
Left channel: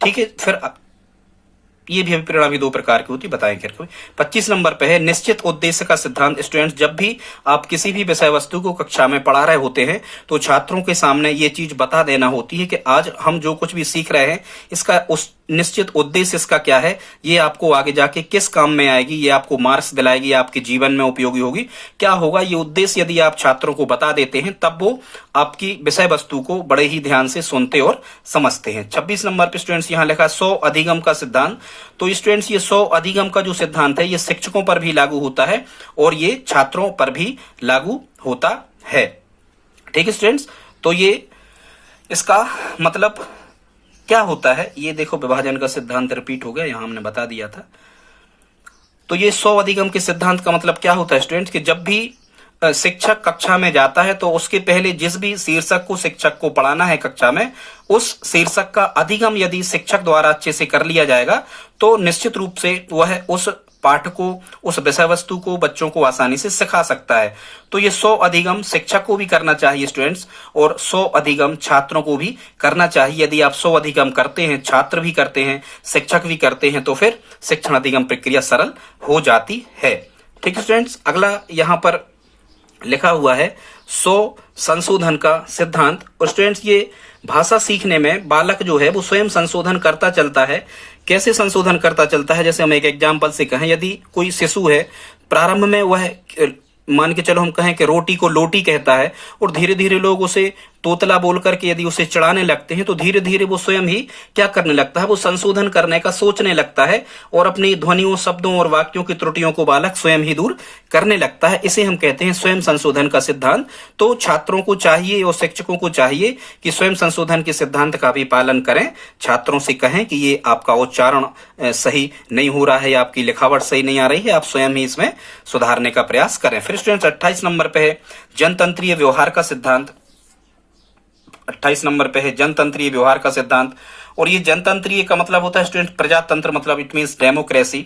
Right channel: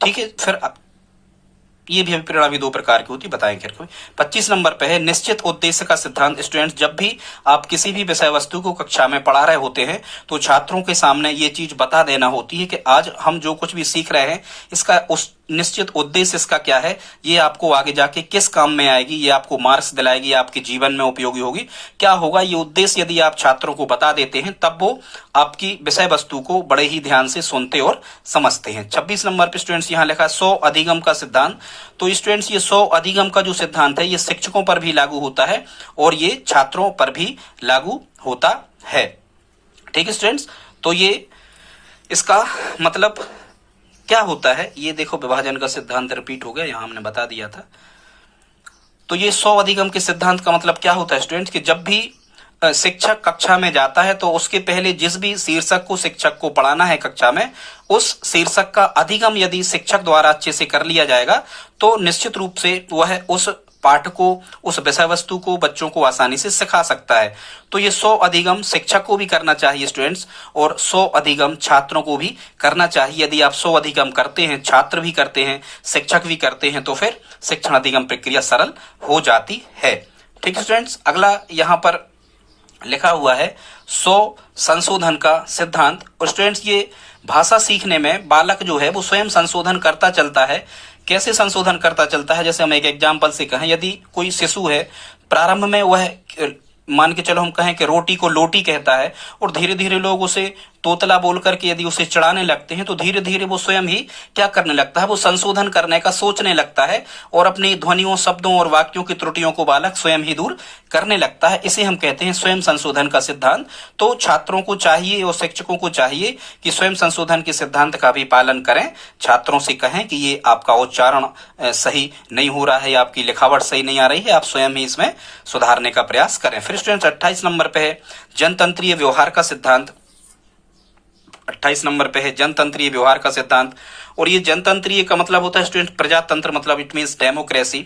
ठीक है। फिर ये भी अभिप्रेरणा भी दो प्रकार की होती, बताएंगे। 25 नंबर पे है निश्चित उद्देश्य का सिद्धांत। स्टूडेंट्स, जब भी आप किसी भी विषय वस्तु को कक्षा में पढ़ा रहे होते हैं, तो छात्रों के सामने ये चीज बता देना होती है कि आज हम जो कुछ भी सीख रहे हैं, इसका उस निश्चित उद्देश्य इसका क्या है, ये आपको आगे जाके किस काम में आएगी, ये आपको मार्क्स दिलाएगी, आपके जीवन में उपयोगी होगी, क्या होगा, ये उद्देश्य यदि आप छात्रों को बता देते हैं, तब वो आपकी विषय वस्तु को बड़े ही ध्यान से सुनते और समझते हैं। 26 नंबर पे स्टूडेंट्स यहाँ लिखा 100 अधिगम का सिद्धांत। तो स्टूडेंट्स ये 100 अधिगम का जो सिद्धांत है, ये शिक्षकों पर भी लागू होता है और ये छात्रों पर भी लागू होता है। ठीक है स्टूडेंट्स, तो ये इसका मतलब क्या होता है, ये देखो विभाजन का सिद्धांत रिपीट हो गया, यहां हमने बता दिया था। तो ये 100 अधिगम के सिद्धांत का मतलब क्या होता है स्टूडेंट्स, कि जब भी शिक्षक कक्षा में जाता है, तो उसके पहले जिस भी शीर्षक को शिक्षक को पढ़ाना है कक्षा में, उस शीर्षक का अधिगम यदि शिक्षक द्वारा अच्छे से कर लिया जाएगा, तो निश्चित रूप से वह उस पाठ को, उस विषय वस्तु को बच्चों को आसानी से सिखा सकता है। तो ये 100 अधिगम शिक्षक को भी करना चाहिए स्टूडेंट्स, और 100 अधिगम छात्रों को भी करना चाहिए। यदि आप 100 अधिगम करते हैं, छात्र भी करते हैं, शिक्षक भी करते हैं, तो फिर शिक्षण अधिगम प्रक्रिया सरल हो जाती है। ठीक है स्टूडेंट्स, अगला यहाँ पर लिखा हुआ है 100 संशोधन का सिद्धांत। और स्टूडेंट्स, ये भाषा सीखने में बालक जो है वो स्वयं संशोधन करता चलता है। कैसे संशोधन करता चलता है, जैसे हम एक एग्जाम्पल से कहें, यदि कोई शिशु है, प्रारंभ में वह मान के चलो हम कहें कि रोटी को लोटी कहता है, और धीरे धीरे लोग उसे तोतला बोल करके यदि उसे चढ़ाने लगते हैं, तो धीरे धीरे वो स्वयं ही क्या करने लगता है, वो संशोधन करने का सोचने लगता है, और अपनी ध्वनियों, शब्दों और वाक्यों की त्रुटियों को बालक स्वयं ही दूर करने लगता है। इसे हम कहते हैं स्वयं संशोधन का सिद्धांत। तो छात्रों को चाहिए और शिक्षकों को चाहिए कि स्वयं संशोधन के सिद्धांत का भी पालन करें। छात्रों से कहें कि ये आपका उच्चारण सही नहीं हो रहा है, आपकी लिखावट सही नहीं आ रही है, आप स्वयं ही इसमें सुधारने का प्रयास करें। फिर स्टूडेंट्स 28 नंबर पे है जनतंत्रीय व्यवहार का सिद्धांत। 28 नंबर पे है जनतंत्रीय व्यवहार का सिद्धांत। और ये जनतंत्रीय का मतलब होता है स्टूडेंट प्रजातंत्र, मतलब इट मींस डेमोक्रेसी।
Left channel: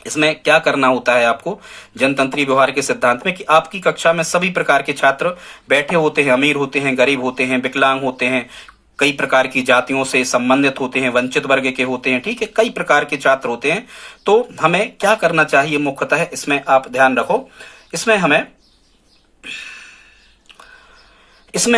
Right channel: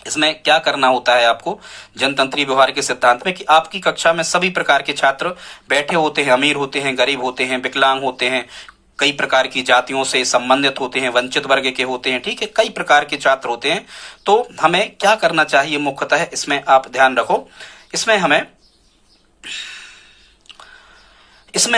इसमें क्या करना होता है आपको जनतंत्रीय व्यवहार के सिद्धांत में, कि आपकी कक्षा में सभी प्रकार के छात्र बैठे होते हैं, अमीर होते हैं, गरीब होते हैं, विकलांग होते हैं, कई प्रकार की जातियों से संबंधित होते हैं, वंचित वर्ग के होते हैं, ठीक है, कई प्रकार के छात्र होते हैं। तो हमें क्या करना चाहिए मुख्यतः, इसमें आप ध्यान रखो, इसमें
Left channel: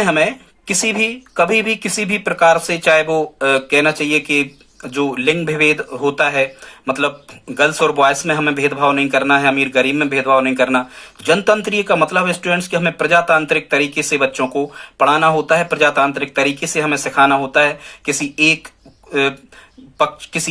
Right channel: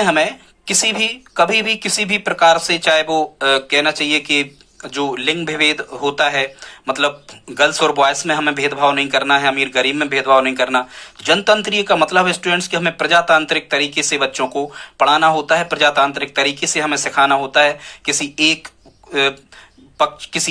हमें किसी भी, कभी भी, किसी भी प्रकार से, चाहे वो कहना चाहिए कि जो लिंग विभेद होता है, मतलब गर्ल्स और बॉयज में हमें भेदभाव नहीं करना है, अमीर गरीब में भेदभाव नहीं करना। जनतंत्रीय का मतलब स्टूडेंट्स कि हमें प्रजातांत्रिक तरीके से बच्चों को पढ़ाना होता है, प्रजातांत्रिक तरीके से हमें सिखाना होता है। किसी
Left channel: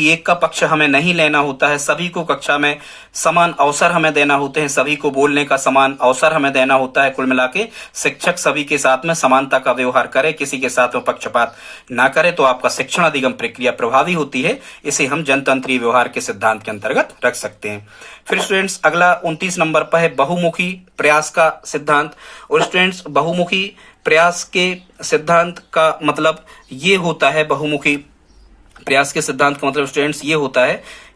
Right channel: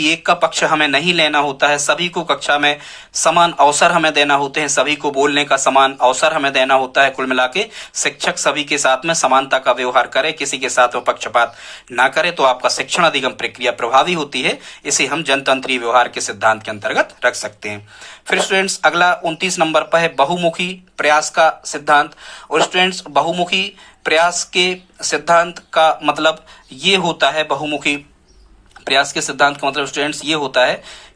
एक का पक्ष हमें नहीं लेना होता है। सभी को कक्षा में समान अवसर हमें देना होते हैं, सभी को बोलने का समान अवसर हमें देना होता है। कुल मिला के शिक्षक सभी के साथ में समानता का व्यवहार करे, किसी के साथ में पक्षपात ना करे, तो आपका शिक्षण अधिगम प्रक्रिया प्रभावी होती है। इसे हम जनतंत्रीय व्यवहार के सिद्धांत के अंतर्गत रख सकते हैं। फिर स्टूडेंट्स अगला 29 नंबर पर है बहुमुखी प्रयास का सिद्धांत। और स्टूडेंट्स बहुमुखी प्रयास के सिद्धांत का मतलब ये होता है, बहुमुखी प्रयास के सिद्धांत का मतलब स्टूडेंट्स ये होता है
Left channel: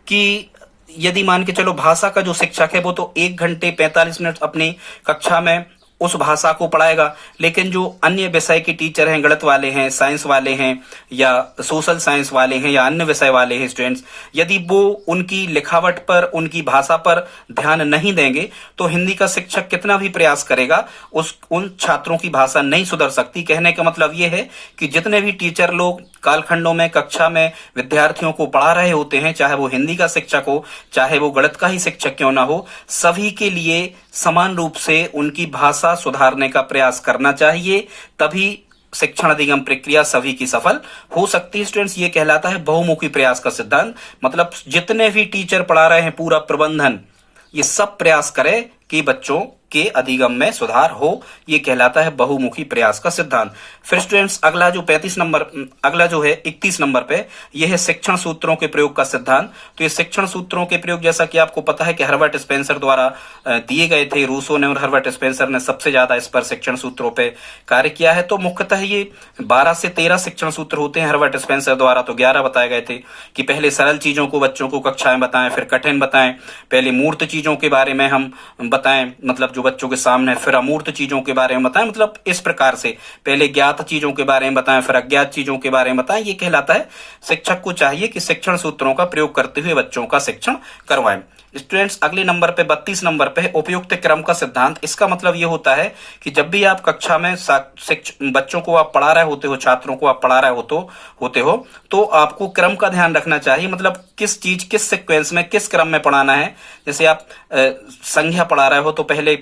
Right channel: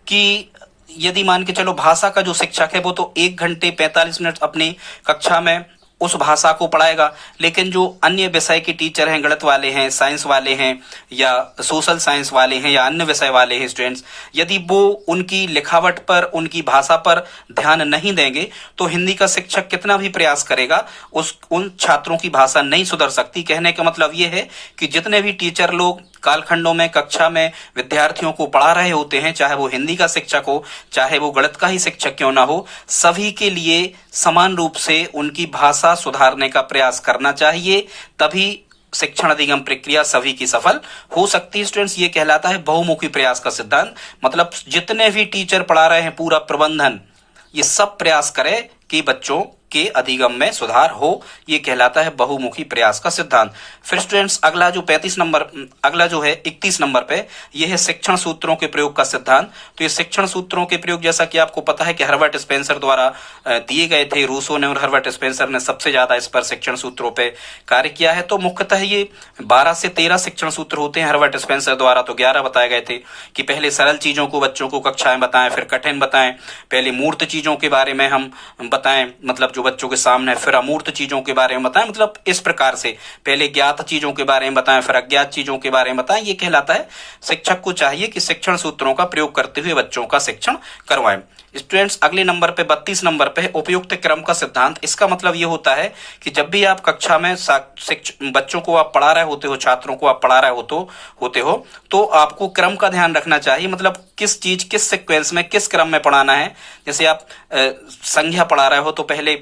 कि यदि मान के चलो भाषा का जो शिक्षक है वो तो 1 घंटे 45 मिनट अपनी कक्षा में उस भाषा को पढ़ाएगा, लेकिन जो अन्य विषय के टीचर हैं, गणित वाले हैं, साइंस वाले हैं या सोशल साइंस वाले हैं या अन्य विषय वाले हैं स्टूडेंट्स, यदि वो उनकी लिखावट पर, उनकी भाषा पर ध्यान नहीं देंगे तो हिंदी का शिक्षक कितना भी प्रयास करेगा उन छात्रों की भाषा नहीं सुधर सकती। कहने का मतलब ये है कि जितने भी टीचर लोग कालखंडों में कक्षा में विद्यार्थियों को पढ़ा रहे होते हैं, चाहे वो हिंदी का शिक्षक हो, चाहे वो गणित का ही शिक्षक क्यों ना हो, सभी के लिए समान रूप से उनकी भाषा सुधारने का प्रयास करना चाहिए, तभी शिक्षण अधिगम प्रक्रिया सभी की सफल हो सकती है। स्टूडेंट्स ये कहलाता है बहुमुखी प्रयास का सिद्धांत। मतलब जितने भी टीचर पढ़ा रहे हैं, पूरा प्रबंधन, ये सब प्रयास करे कि बच्चों के अधिगम में सुधार हो। ये कहलाता है बहुमुखी प्रयास का सिद्धांत। फिर स्टूडेंट्स अगला जो 35 नंबर, अगला जो है 31 नंबर पे, यह है शिक्षण सूत्रों के प्रयोग का सिद्धांत। तो ये शिक्षण सूत्रों के प्रयोग जैसा कि आपको पता है कि हर्बर्ट स्पेंसर द्वारा दिए गए थे। रूसो ने और हर्बर्ट स्पेंसर ने सबसे ज्यादा इस पर शिक्षण सूत्रों पे कार्य किया है। तो मुख्यतः ये 12 से 13 शिक्षण सूत्र होते हैं। हर्बर्ट स्पेंसर द्वारा तो 11 बताए गए थे कि पहले सरल चीजों को बच्चों को कक्षा में बताएं, फिर कठिन बताएं, पहले मूर्त चीजों के बारे में हम बताएं, मतलब जो बच्चों के सामने, फिर अमूर्त चीजों के बारे में बताएं। मतलब इस प्रकार से पहले ज्ञात चीजों के बारे में बताएं, फिर अज्ञात चीजों के बारे में बताएं। ये कहलाता है शिक्षक को चाहिए कि शिक्षण सूत्रों का प्रयोग करते हुए बच्चों का शिक्षण करवाएं। स्टूडेंट्स अगले नंबर पे 32 नंबर पे है उपयुक्त क्रम का सिद्धांत। इसका मतलब ये होता है कि जब भी आप कक्षा में बच्चों को आप पढ़ा रहे होते हो, छात्रों को आप पढ़ा रहे होते हो तो आपको क्रम का ध्यान रखना चाहिए। मतलब किस चीज, किस सीक्वेंस में, किस क्रम में पढ़ाना है। जैसे आप संज्ञा पढ़ा रहे हो तो पहले,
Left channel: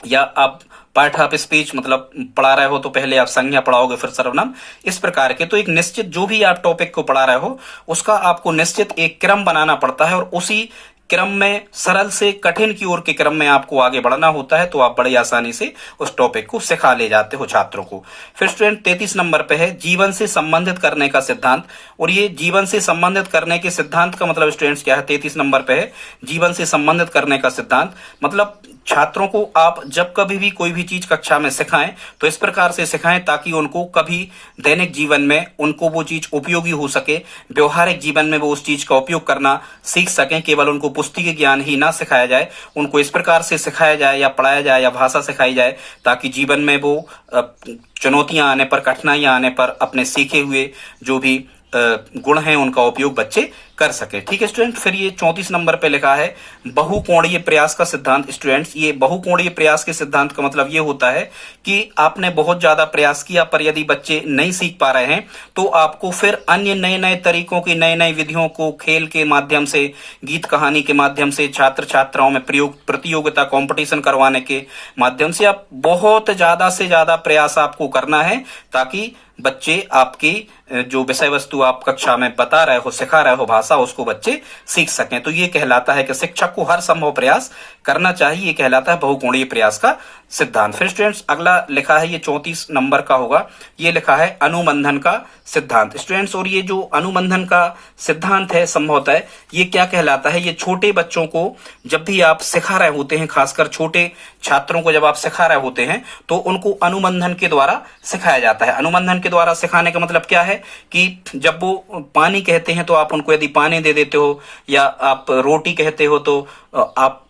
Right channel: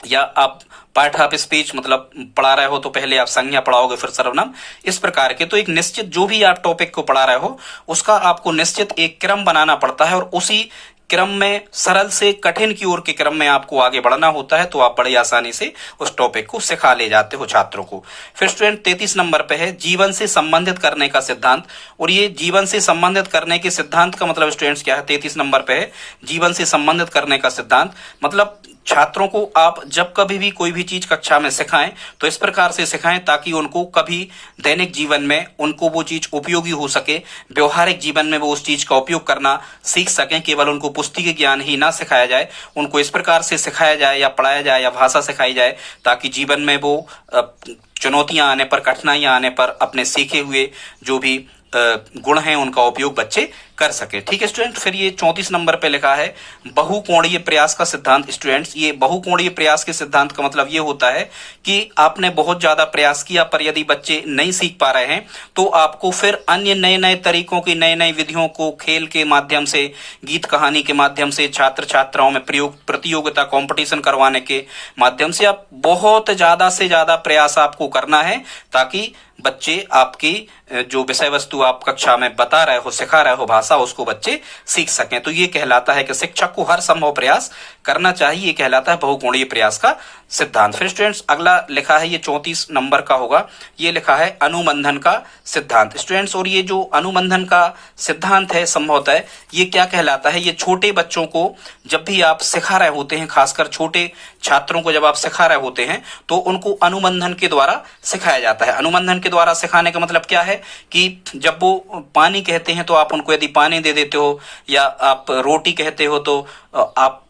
या आप पार्ट ऑफ स्पीच मतलब पढ़ा रहे हो तो पहले आप संज्ञा पढ़ाओगे, फिर सर्वनाम, इस प्रकार के। तो एक निश्चित, जो भी आप टॉपिक को पढ़ा रहे हो उसका आपको निश्चित एक क्रम बनाना पड़ता है और उसी क्रम में, सरल से कठिन की ओर के क्रम में आपको आगे बढ़ना होता है। तो आप बड़ी आसानी से उस टॉपिक को सिखा ले जाते हो छात्रों को। फिर स्टूडेंट 33 नंबर पे है जीवन से संबंधित करने का सिद्धांत। और ये जीवन से संबंधित करने के सिद्धांत का मतलब स्टूडेंट्स क्या है, 33 नंबर पे है जीवन से संबंधित करने का सिद्धांत। मतलब छात्रों को आप जब कभी भी कोई भी चीज कक्षा में सिखाएं तो इस प्रकार से सिखाएं ताकि उनको कभी दैनिक जीवन में उनको वो चीज उपयोगी हो सके, व्यवहारिक जीवन में वो उस चीज का उपयोग करना सीख सकें। केवल उनको पुस्तकीय ज्ञान ही ना सिखाया जाए, उनको इस प्रकार से सिखाया जाए या पढ़ाया जाए या भाषा सिखाई जाए ताकि जीवन में वो चुनौतियां आने पर, कठिनाइयां आने पर अपने सीखे हुए जो भी गुण हैं उनका उपयोग बच्चे कर सके। ठीक है स्टूडेंट। फिर ये 34 नंबर पे लिखा है बहुकोणीय प्रयास का सिद्धांत। स्टूडेंट्स ये बहुकोणीय प्रयास के सिद्धांत का मतलब ये होता है कि आपने बहुत ज्यादा प्रयास किया पर यदि बच्चे नहीं सीख पा रहे हैं तो आपको फिर अन्य नए नए तरीकों की, नई नई विधियों को खेल के माध्यम से, गीत कहानी के माध्यम से, छात्र छात्राओं में प्रतियोगिता, कॉम्पिटिशन करवाने के माध्यम से आप बहुत ज्यादा से ज्यादा प्रयास आपको करना है ताकि बच्चे आपकी जो विषय वस्तु आप कक्षा में बता रहे हो, सिखा रहे हो भाषा, उसको बच्चे सीख सकें। तो ये कहलाता है कि शिक्षक को हर संभव प्रयास करना चाहिए। ये कहलाता है बहुकोणीय प्रयास का सिद्धांत। फिर स्टूडेंट्स अगला लिखा है, ये 34 नंबर का होगा, ये लिखा है अनुबंधन का सिद्धांत। स्टूडेंट्स और ये जो अनुबंधन का सिद्धांत है संभवतः ये क्या कहलाता है, ये छोटे बच्चों को जब भी आप सिखा रहे होते हैं, खासकर छोटे छात्रों को जब आप सिखा रहे होते हैं तो उनको अनुबंधन के द्वारा सिखाया जाता है। अनुबंधन के द्वारा सिखाने का मतलब क्या है कि जब वो पानी कहते हैं तो आप उनको यदि पानी दे देते हो, या आप रोटी कहते हो तो आप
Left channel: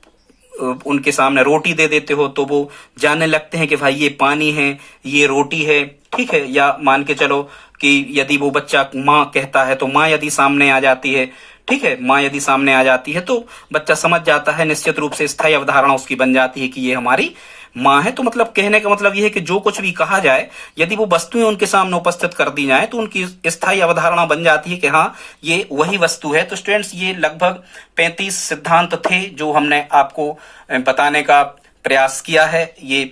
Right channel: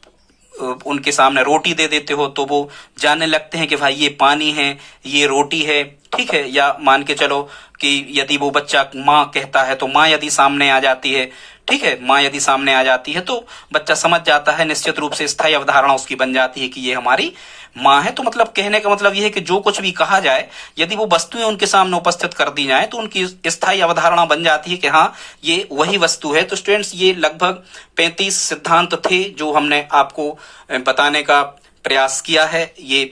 उनके सामने रोटी दे देते हो तो वो जानने लगते हैं कि भाई ये पानी है, ये रोटी है। ठीक है। या मान के चलो कि यदि वो बच्चा माँ कहता है तो माँ यदि सामने आ जाती है, ठीक है, माँ यदि सामने आ जाती है तो बच्चा समझ जाता है, निश्चित रूप से स्थायी अवधारणा उसकी बन जाती है कि ये हमारी माँ है, तो मतलब कहने का मतलब यह है कि जो कुछ भी कहा जाए, यदि वो वस्तुएं उनके सामने उपस्थित कर दी जाए तो उनकी स्थायी अवधारणा बन जाती है कि हाँ ये वही वस्तु है। तो स्टूडेंट्स, ये लगभग 35 सिद्धांत थे जो हमने आपको बताने का प्रयास किया है। ये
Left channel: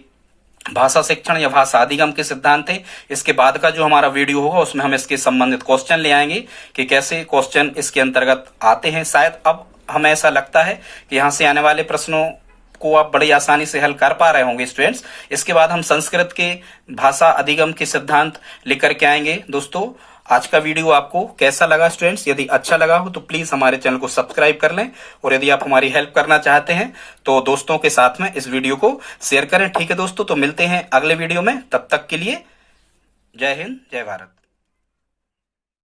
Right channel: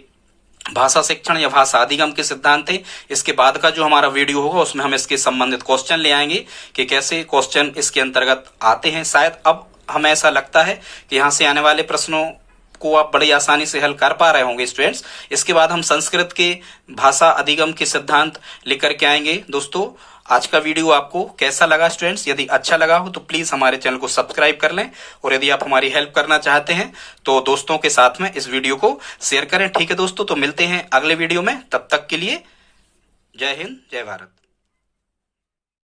भाषा शिक्षण या भाषा अधिगम के सिद्धांत थे। इसके बाद का जो हमारा वीडियो होगा उसमें हम इसके संबंधित क्वेश्चन ले आएंगे कि कैसे क्वेश्चन इसके अंतर्गत आते हैं। शायद अब हमें ऐसा लगता है कि यहाँ से आने वाले प्रश्नों को आप बड़ी आसानी से हल कर पा रहे होंगे स्टूडेंट्स। इसके बाद हम संस्कृत के भाषा अधिगम के सिद्धांत लेकर के आएंगे। दोस्तों, आज का वीडियो आपको कैसा लगा स्टूडेंट्स? यदि अच्छा लगा हो तो प्लीज हमारे चैनल को सब्सक्राइब कर लें, और यदि आप हमारी हेल्प करना चाहते हैं तो दोस्तों के साथ में इस वीडियो को शेयर करें। ठीक है दोस्तों, तो मिलते हैं अगले वीडियो में। तब तक के लिए जय हिंद, जय भारत।